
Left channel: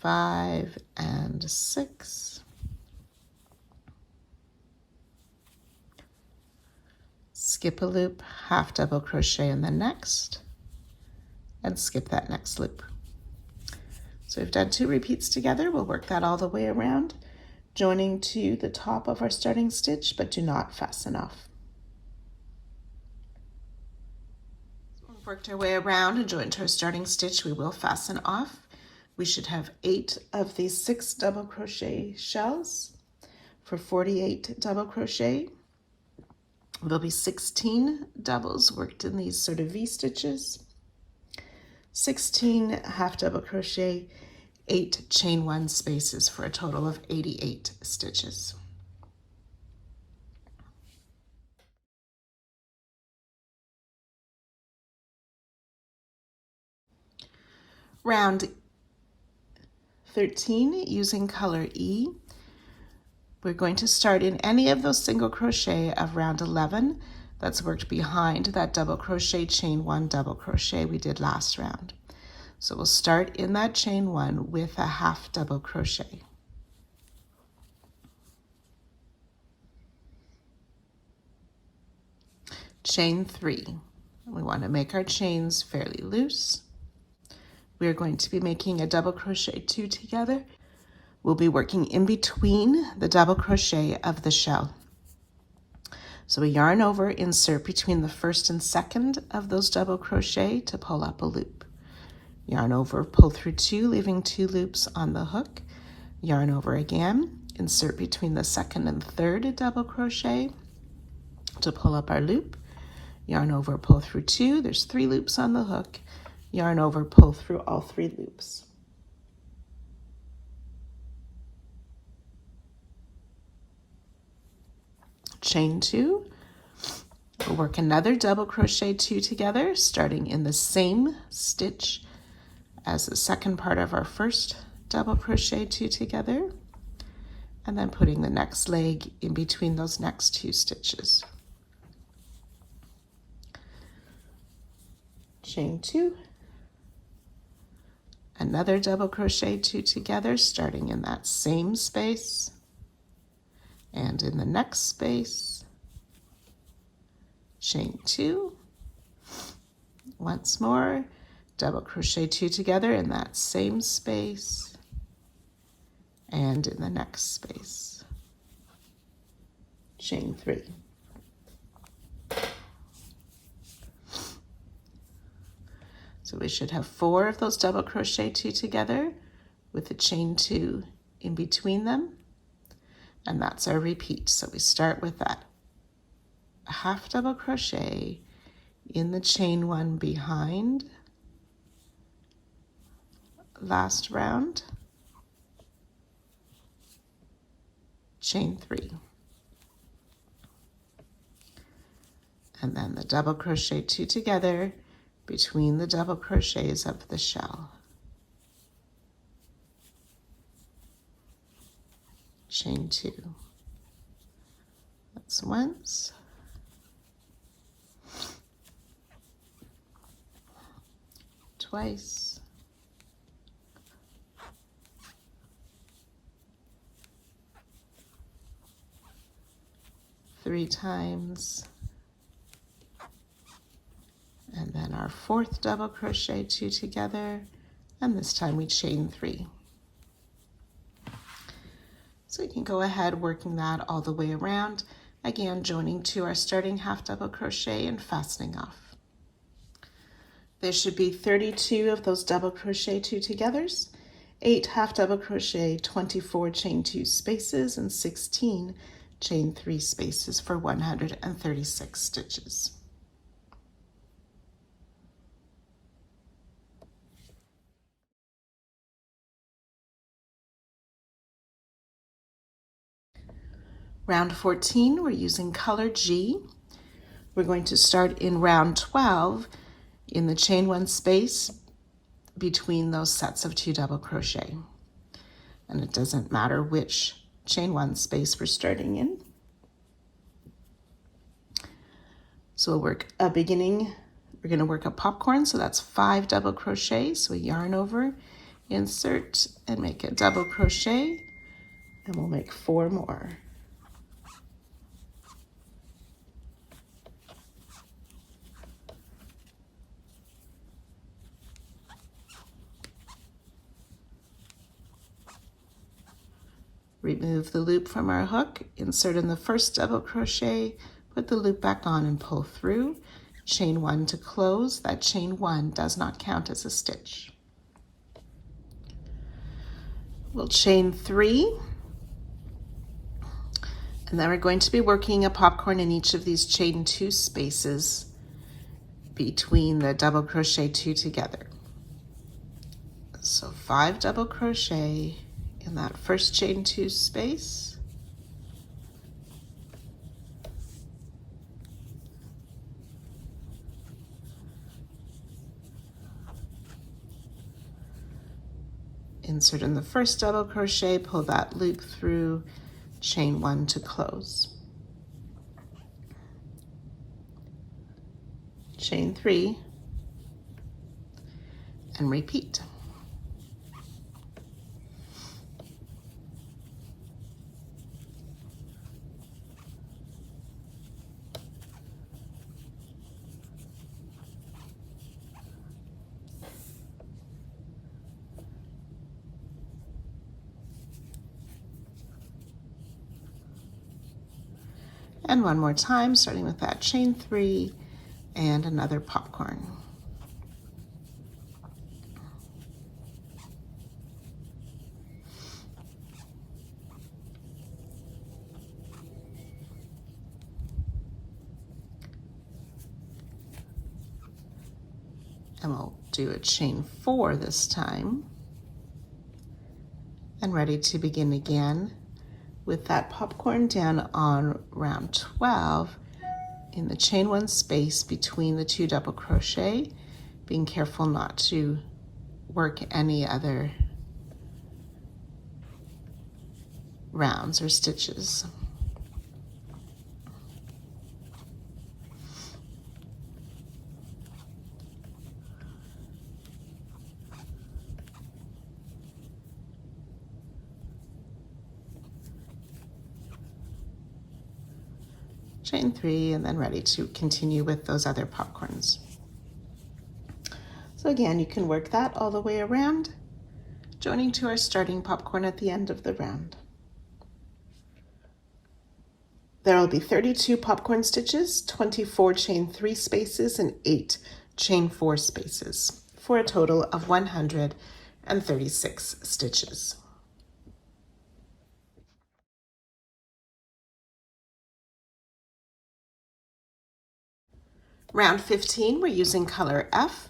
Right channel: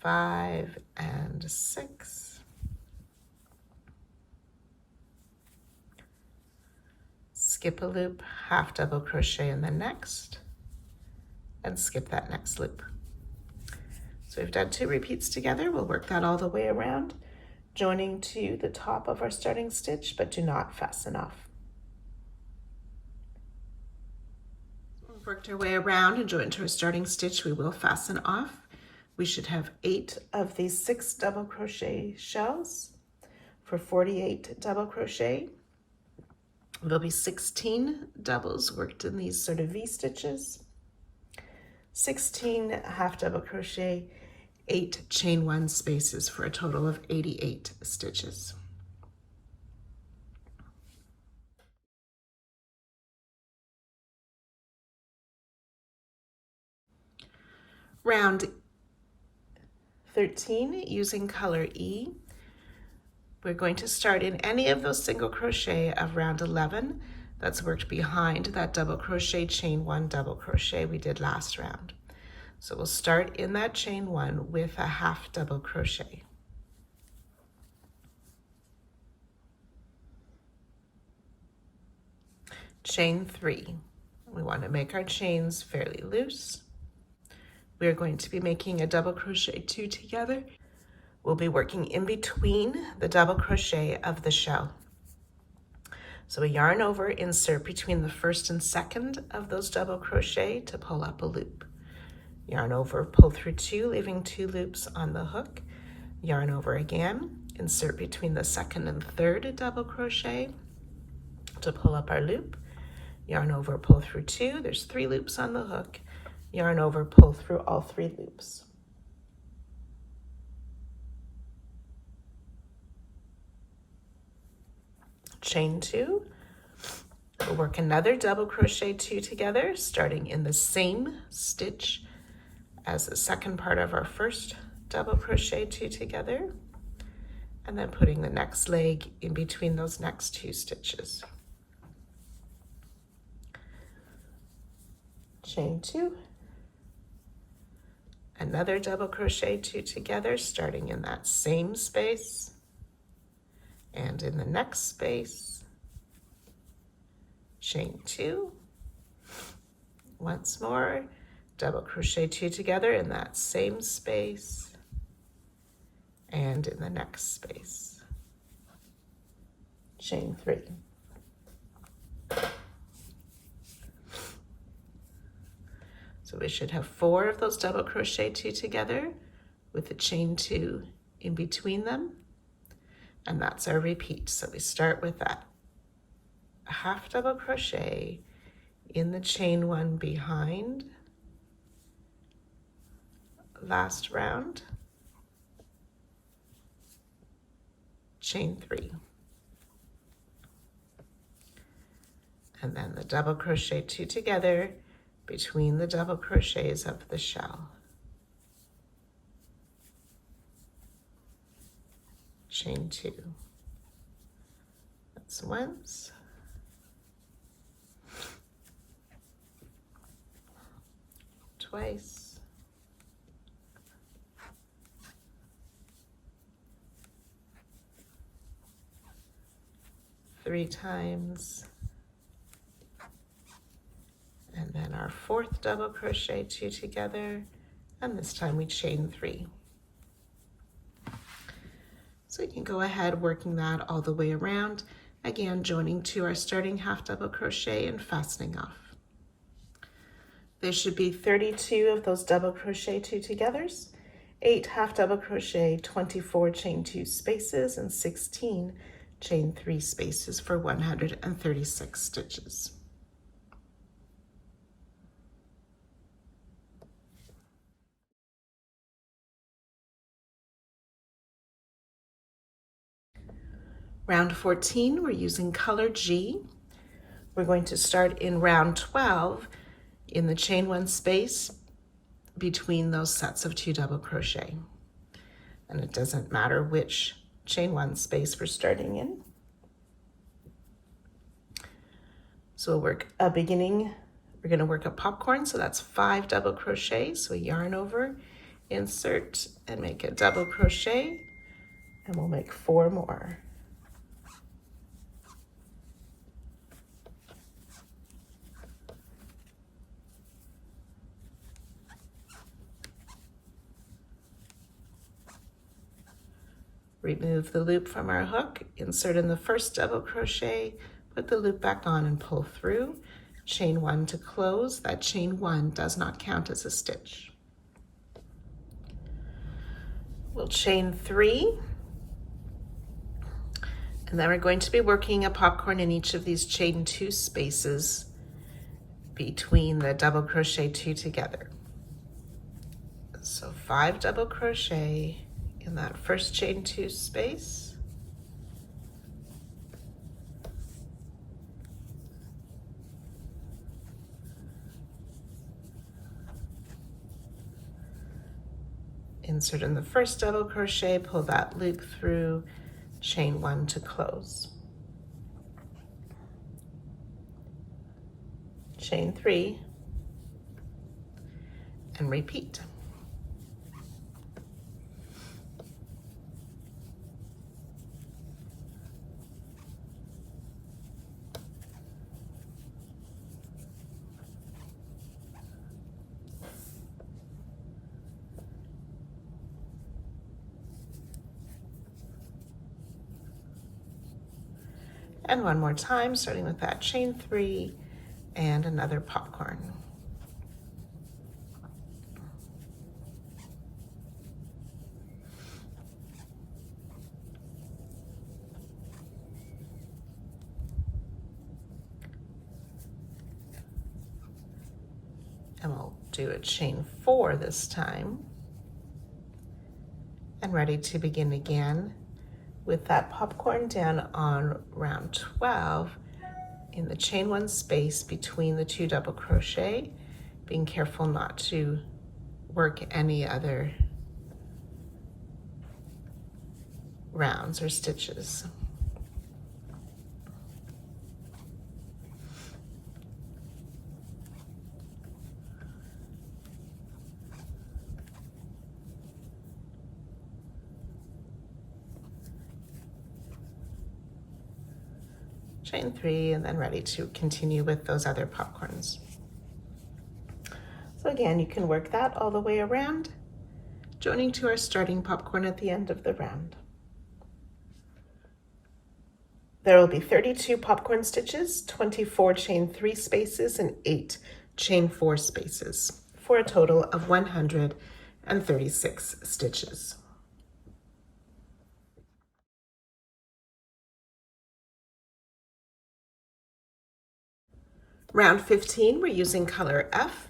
Five and 6. Skip a loop, half double crochet in the next, and skip that next loop. So we've done 2 repeats together. We'll work that all the way around, joining to the top of our starting stitch, but do not fasten off. We've worked our way around and joined to our starting stitch. We will fasten off. We should have 8 of these 6 double crochet shells for 48 double crochet. There'll be 16 doubles worked in these sort of V stitches, 16 half double crochet, 8 chain 1 spaces for a total of 88 stitches. Round 13 using color E. We're going to start in any of those single crochet of round 11 that's worked behind that double crochet chain 1 double crochet we did last round. So we'll start in that chain 1 with a half double crochet. Chain 3. We want to make our chains fairly loose. We're going to be making a double crochet 2 together. We'll be working in between the double crochet of the shell. So we yarn over, insert between the first and second of those double crochet to pull up a loop. Yarn over, pull through 2, leaving 2 loops on the hook. Yarn over again, insert between the second and third double crochet to pull up our loop. Yarn over, pull through 2, there's 3 loops on the hook. Yarn over, pull through all 3 loops. Chain 2. We'll work another double crochet 2 together, starting in the same stitch as the second part of our first double crochet 2 together, and then putting the next leg in between those next 2 stitches. Chain 2. Another double crochet 2 together, starting in that same space and in the next space. Chain 2. Once more, double crochet 2 together in that same space and in the next space. Chain 3. So we should have 4 of those double crochet 2 together with a chain 2 in between them, and that's our repeat. So we start with that half double crochet in the chain 1 behind last round, chain 3, and then the double crochet 2 together between the double crochets of the shell. Chain 2. That's once. Twice. Three times. And then our 4th double crochet 2 together, and this time we chain 3. So we can go ahead working that all the way around, again joining to our starting half double crochet and fastening off. There should be 32 of those double crochet 2 togethers, 8 half double crochet, 24 chain 2 spaces, and 16 chain 3 spaces for 136 stitches. Round 14, we're using color G. We're going to start in round 12 in the chain 1 space between those sets of 2 double crochet. And it doesn't matter which chain 1 space we're starting in. So we'll work a beginning, we're going to work a popcorn, so that's 5 double crochet. So yarn over, insert, and make a double crochet, and we'll make 4 more. Remove the loop from our hook, insert in the first double crochet, put the loop back on and pull through, chain 1 to close. That chain 1 does not count as a stitch. We'll chain 3, and then we're going to be working a popcorn in each of these chain 2 spaces between the double crochet 2 together. So 5 double crochet in that first chain 2 space, insert in the first double crochet, pull that loop through, chain 1 to close, chain 3, and repeat. And one more time, starting with that chain 3 and another popcorn. And we'll do a chain 4 this time. And ready to begin again with that popcorn down on round 12 in the chain 1 space between the 2 double crochet, being careful not to work any other rounds or stitches. Chain 3, and then ready to continue with those other popcorns. So again, you can work that all the way around, joining to our starting popcorn at the end of the round. There will be 32 popcorn stitches, 24 chain 3 spaces, and 8 chain 4 spaces, for a total of 136 stitches. Round 15, we're using color F.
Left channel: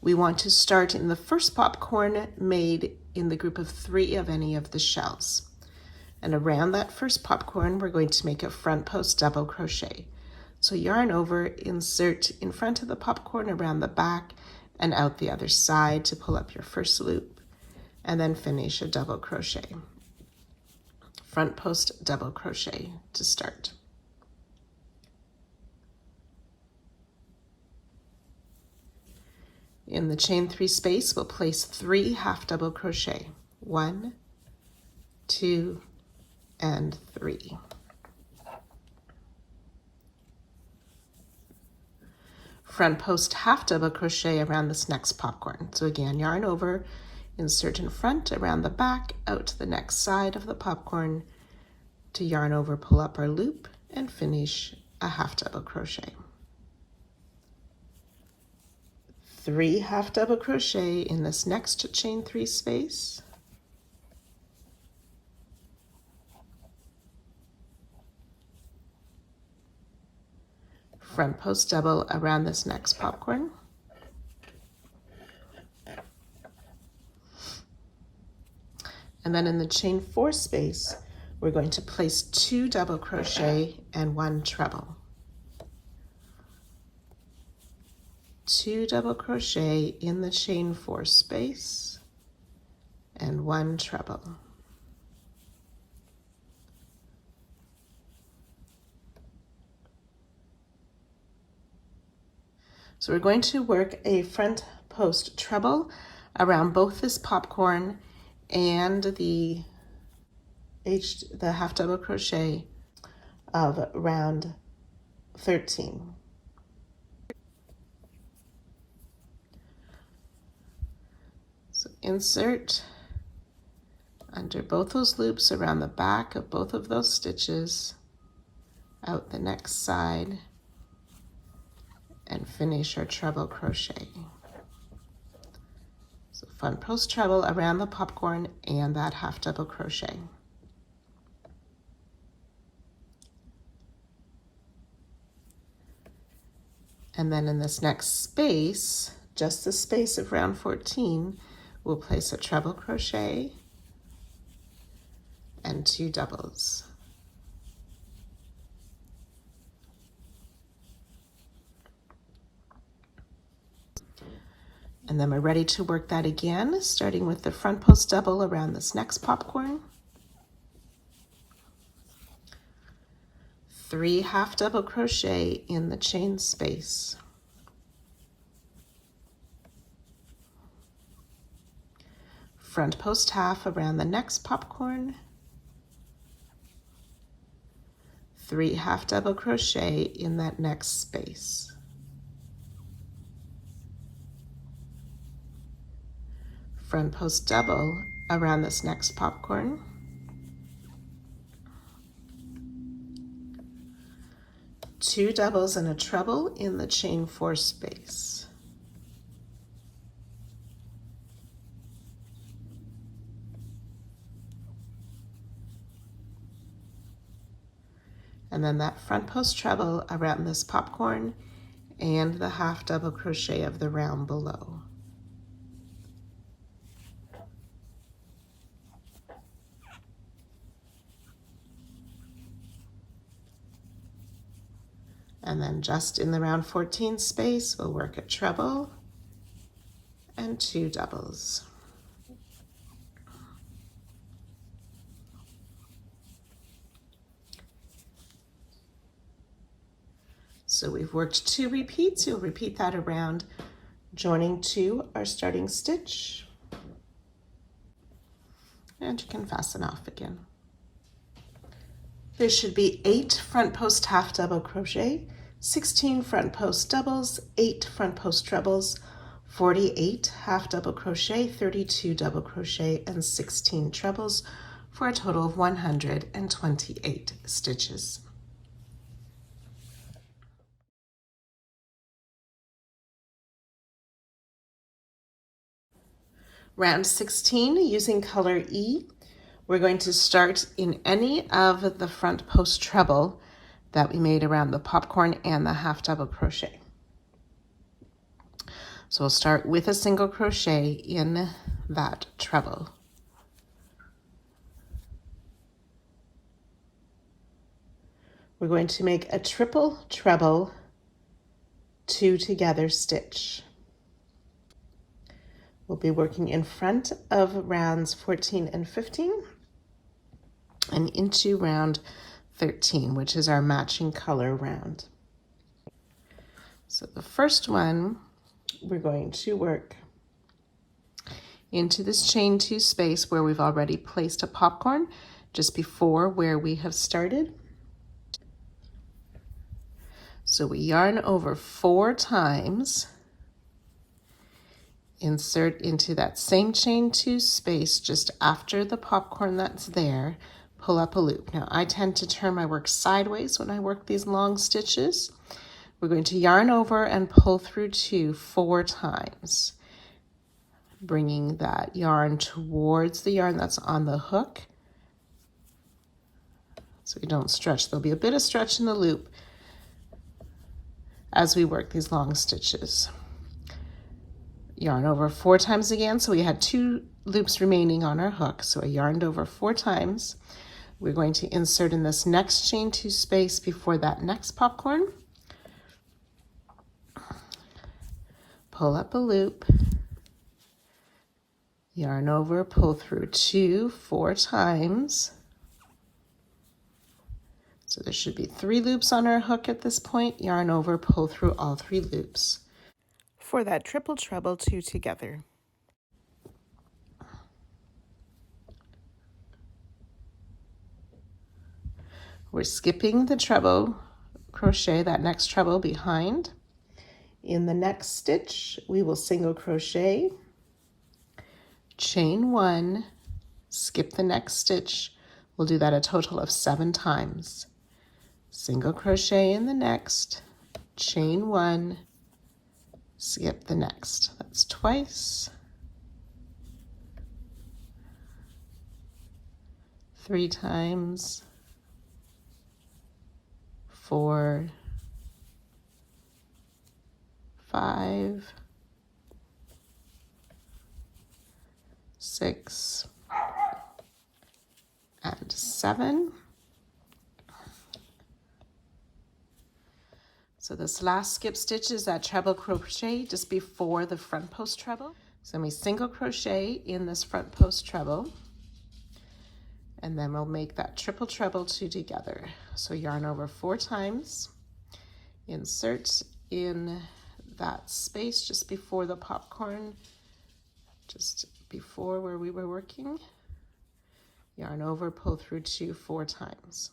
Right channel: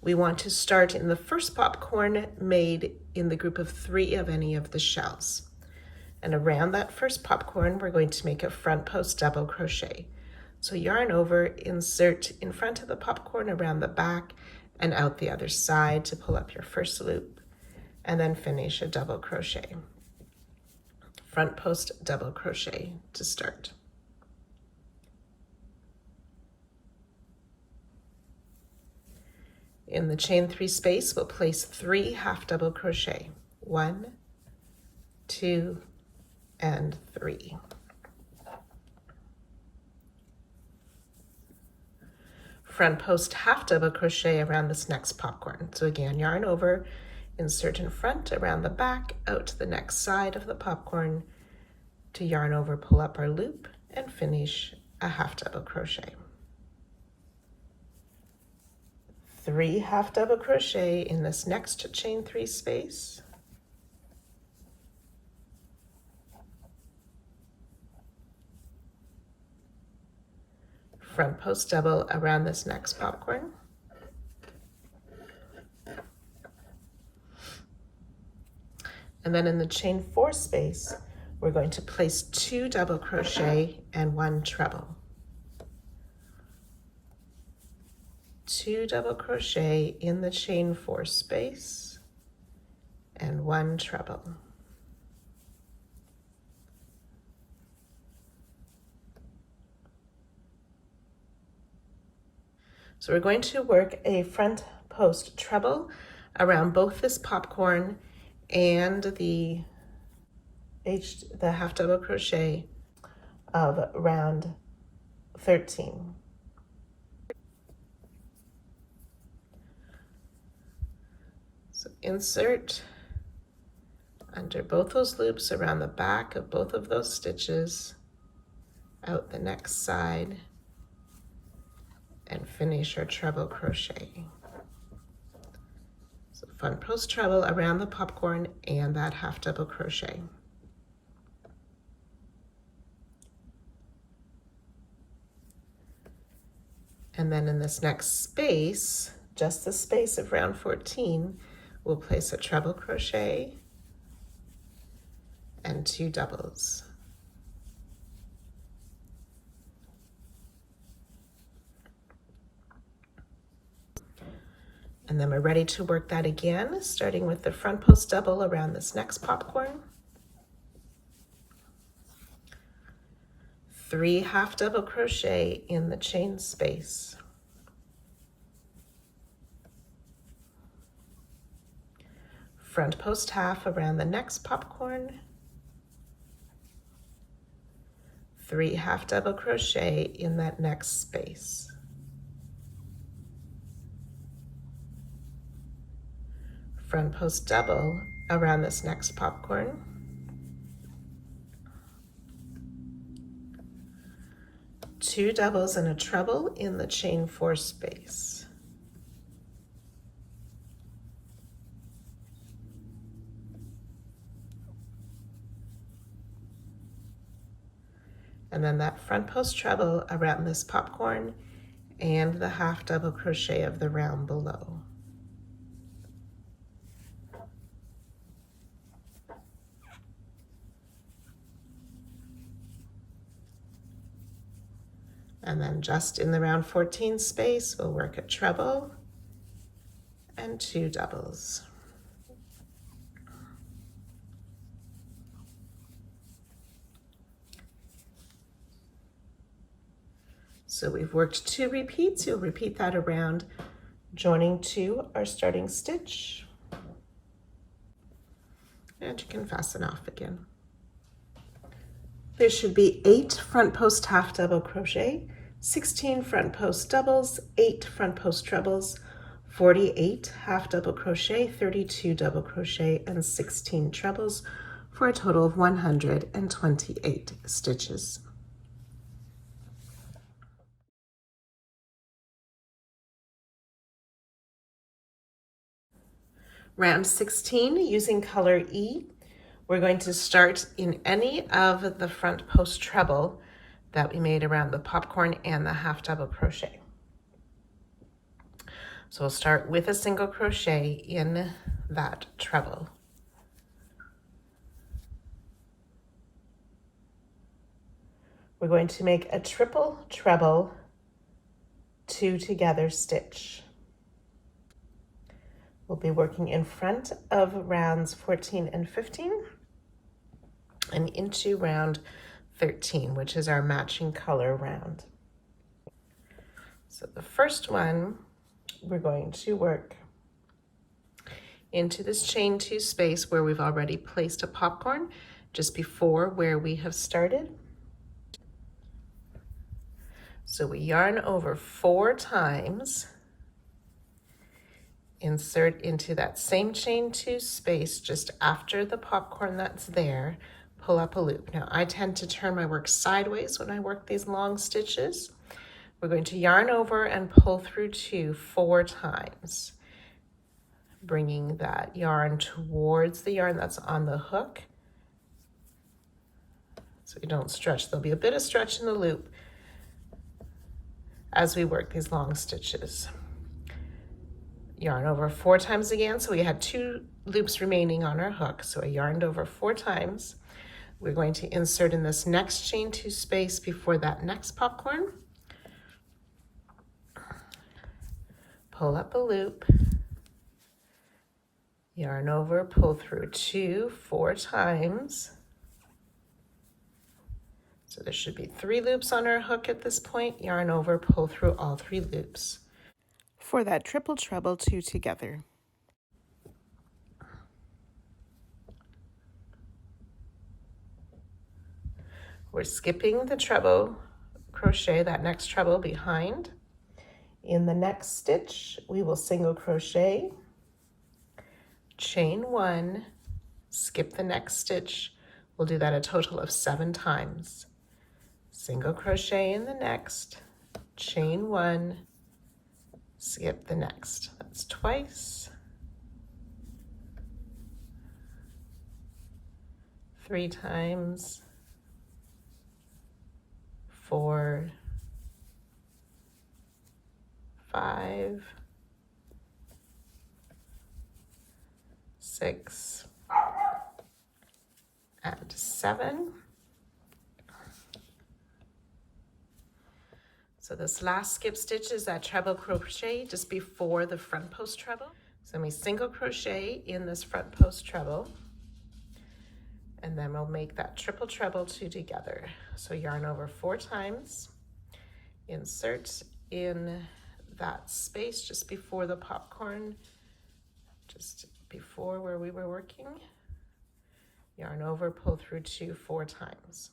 We want to start in the first popcorn made in the group of 3 of any of the shells. And around that first popcorn, we're going to make a front post double crochet. So yarn over, insert in front of the popcorn around the back and out the other side to pull up your first loop, and then finish a double crochet. Front post double crochet to start. In the chain 3 space, we'll place 3 half double crochet. 1, 2, and 3. Front post half double crochet around this next popcorn. So again, yarn over, insert in front, around the back, out to the next side of the popcorn, to yarn over, pull up our loop, and finish a half double crochet. 3 half double crochet in this next chain 3 space. Front post double around this next popcorn. And then in the chain 4 space, we're going to place 2 double crochet and 1 treble. 2 double crochet in the chain 4 space, and 1 treble. So we're going to work a front post treble around both this popcorn and the half double crochet of round 13. So insert under both those loops around the back of both of those stitches, out the next side, and finish our treble crochet. So front post treble around the popcorn and that half double crochet. And then in this next space, just the space of round 14, we'll place a treble crochet and 2 doubles. And then we're ready to work that again, starting with the front post double around this next popcorn. 3 half double crochet in the chain space. Front post half around the next popcorn. 3 half double crochet in that next space. Front post double around this next popcorn. 2 doubles and a treble in the chain 4 space. And then that front post treble around this popcorn and the half double crochet of the round below. And then just in the round 14 space, we'll work a treble and 2 doubles. So we've worked 2 repeats. You'll repeat that around, joining to our starting stitch. And you can fasten off again. There should be 8 front post half double crochet, 16 front post doubles, 8 front post trebles, 48 half double crochet, 32 double crochet, and 16 trebles for a total of 128 stitches. Round 16, using color E, we're going to start in any of the front post treble that we made around the popcorn and the half double crochet. So we'll start with a single crochet in that treble. We're going to make a triple treble 2 together stitch. We'll be working in front of rounds 14 and 15 and into round 13, which is our matching color round. So the first one, we're going to work into this chain 2 space where we've already placed a popcorn just before where we have started. So we yarn over 4 times, insert into that same chain 2 space just after the popcorn that's there, pull up a loop. Now I tend to turn my work sideways when I work these long stitches. We're going to yarn over and pull through 2 4 times, bringing that yarn towards the yarn that's on the hook so you don't stretch. There'll be a bit of stretch in the loop as we work these long stitches. Yarn over 4 times again, so we had 2 loops remaining on our hook, so I yarned over 4 times. We're going to insert in this next chain 2 space before that next popcorn. pull up a loop, yarn over, pull through 2 4 times. So there should be 3 loops on our hook at this point. Yarn over, pull through all 3 loops. For that triple treble 2 together. We're skipping the treble crochet, that next treble behind. In the next stitch, we will single crochet, chain 1, skip the next stitch. We'll do that a total of 7 times. Single crochet in the next, chain 1, skip the next. That's twice. 3 times. 4, 5, 6, and 7. So this last skip stitch is that treble crochet just before the front post treble. So we single crochet in this front post treble, and then we'll make that triple treble 2 together. So yarn over 4 times, insert in that space just before the popcorn, just before where we were working, yarn over, pull through 2 4 times.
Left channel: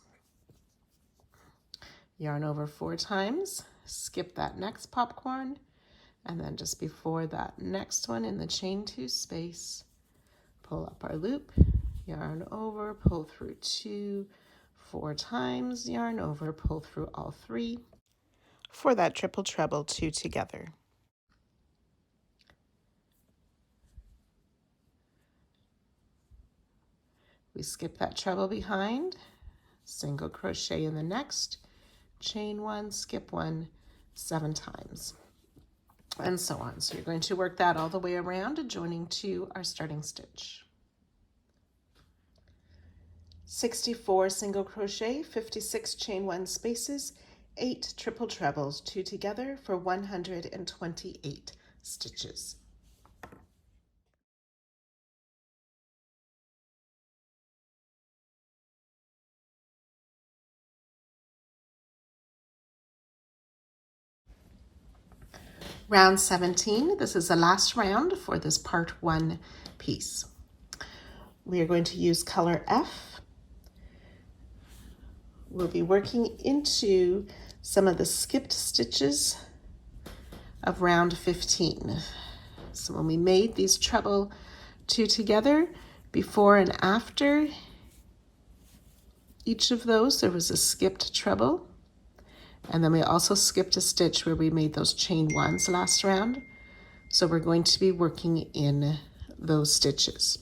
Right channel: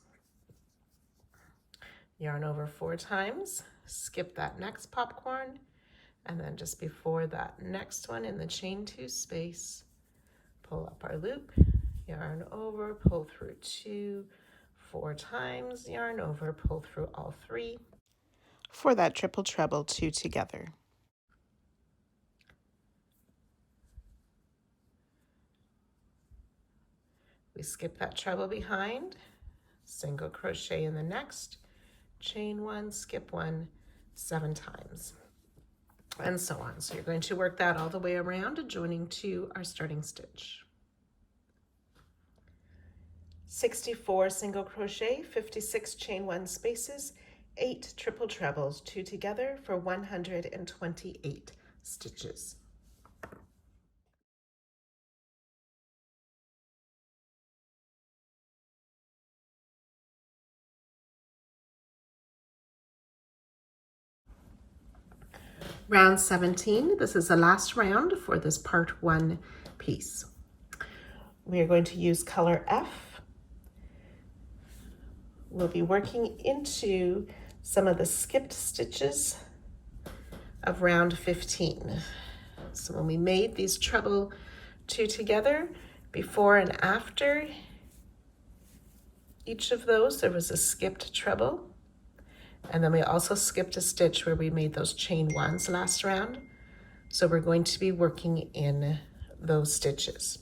Yarn over 4 times, skip that next popcorn, and then just before that next one in the chain 2 space, pull up our loop, yarn over, pull through 2 4 times, yarn over, pull through all 3 for that triple treble 2 together. We skip that treble behind, single crochet in the next, chain 1, skip 1, 7 times, and so on. So you're going to work that all the way around, joining to our starting stitch. 64 single crochet, 56 chain 1 spaces, 8 triple trebles, 2 together for 128 stitches. Round 17, this is the last round for this part 1 piece. We are going to use color F. We'll be working into some of the skipped stitches of round 15. So when we made these treble 2 together, before and after each of those, there was a skipped treble. And then we also skipped a stitch where we made those chain 1s last round. So we're going to be working in those stitches.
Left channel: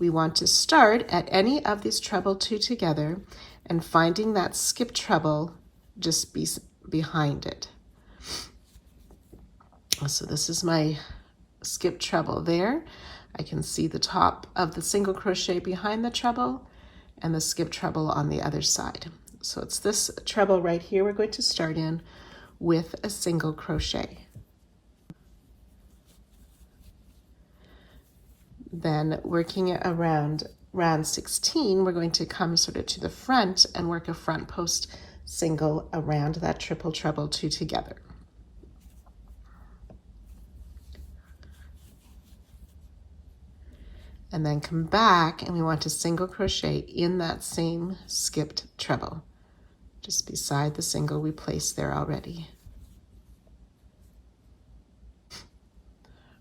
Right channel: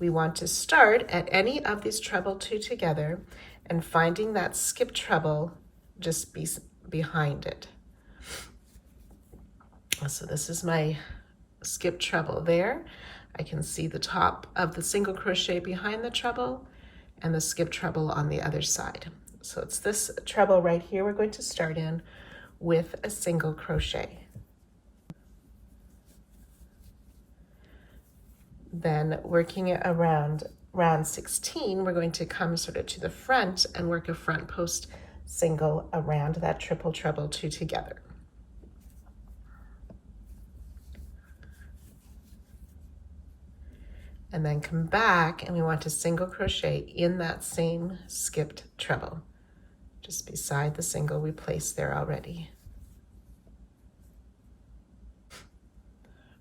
We want to start at any of these treble 2 together and finding that skip treble just behind it. So this is my skip treble there. I can see the top of the single crochet behind the treble and the skip treble on the other side. So it's this treble right here we're going to start in with a single crochet. Then working it around round 16, we're going to come sort of to the front and work a front post single around that triple treble 2 together. And then come back and we want to single crochet in that same skipped treble, just beside the single we placed there already.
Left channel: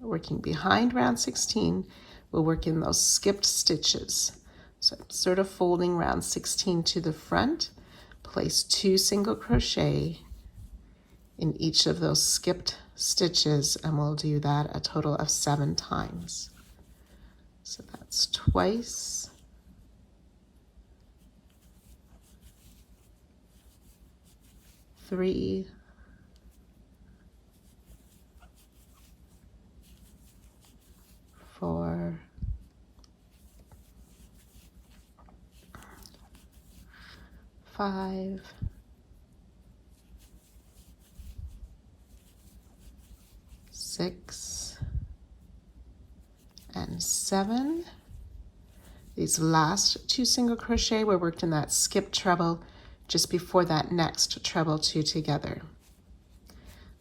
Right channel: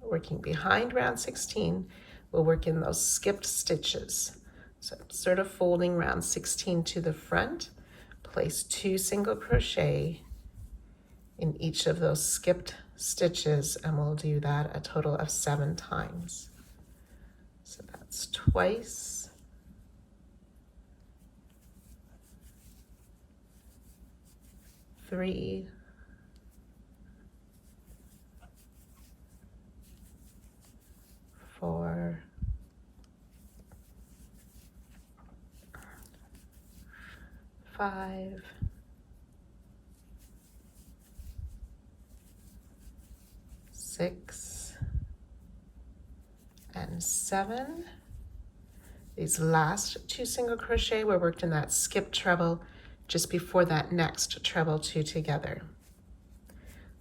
Working behind round 16, we'll work in those skipped stitches. So sort of folding round 16 to the front, place 2 single crochet in each of those skipped stitches, and we'll do that a total of 7 times. So that's twice, 3, 4, 5, 6, 7. These last 2 single crochet were worked in that skip treble just before that next treble 2 together.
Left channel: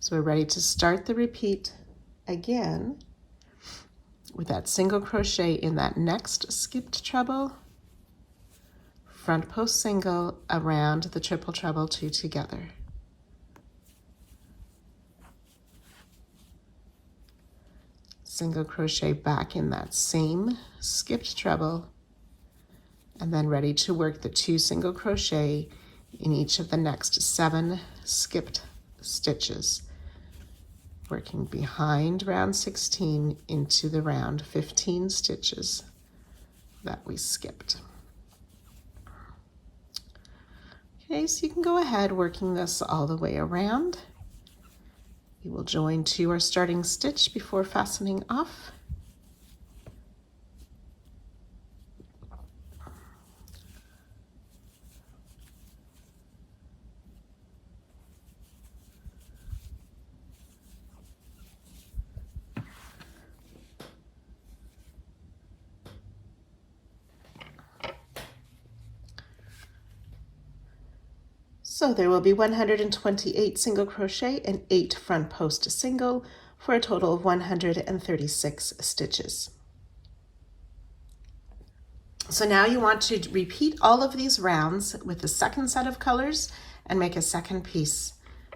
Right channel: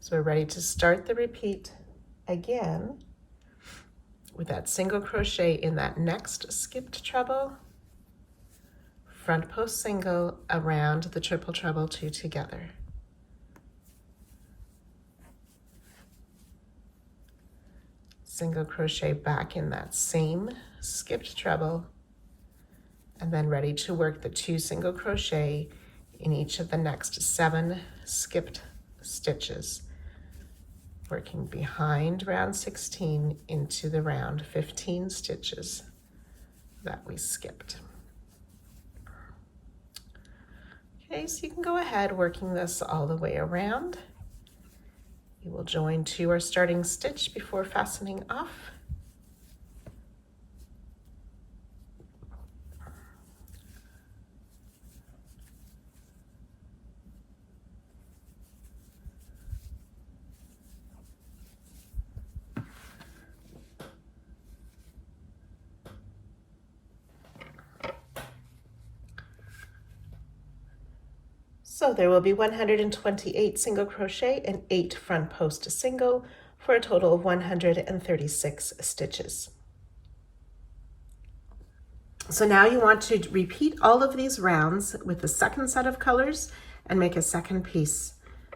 So we're ready to start the repeat again with that single crochet in that next skipped treble, front post single around the triple treble 2 together. Single crochet back in that same skipped treble, and then ready to work the 2 single crochet in each of the next 7 skipped stitches, working behind round 16 into the round 15 stitches that we skipped. Okay, so you can go ahead working this all the way around. We will join to our starting stitch before fastening off. So there will be 128 single crochet and 8 front post single for a total of 136 stitches. So now you want to repeat all of these rounds with the second set of colors and make a second piece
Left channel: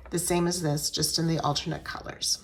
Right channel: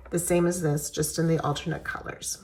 the same as this, just in the alternate colors.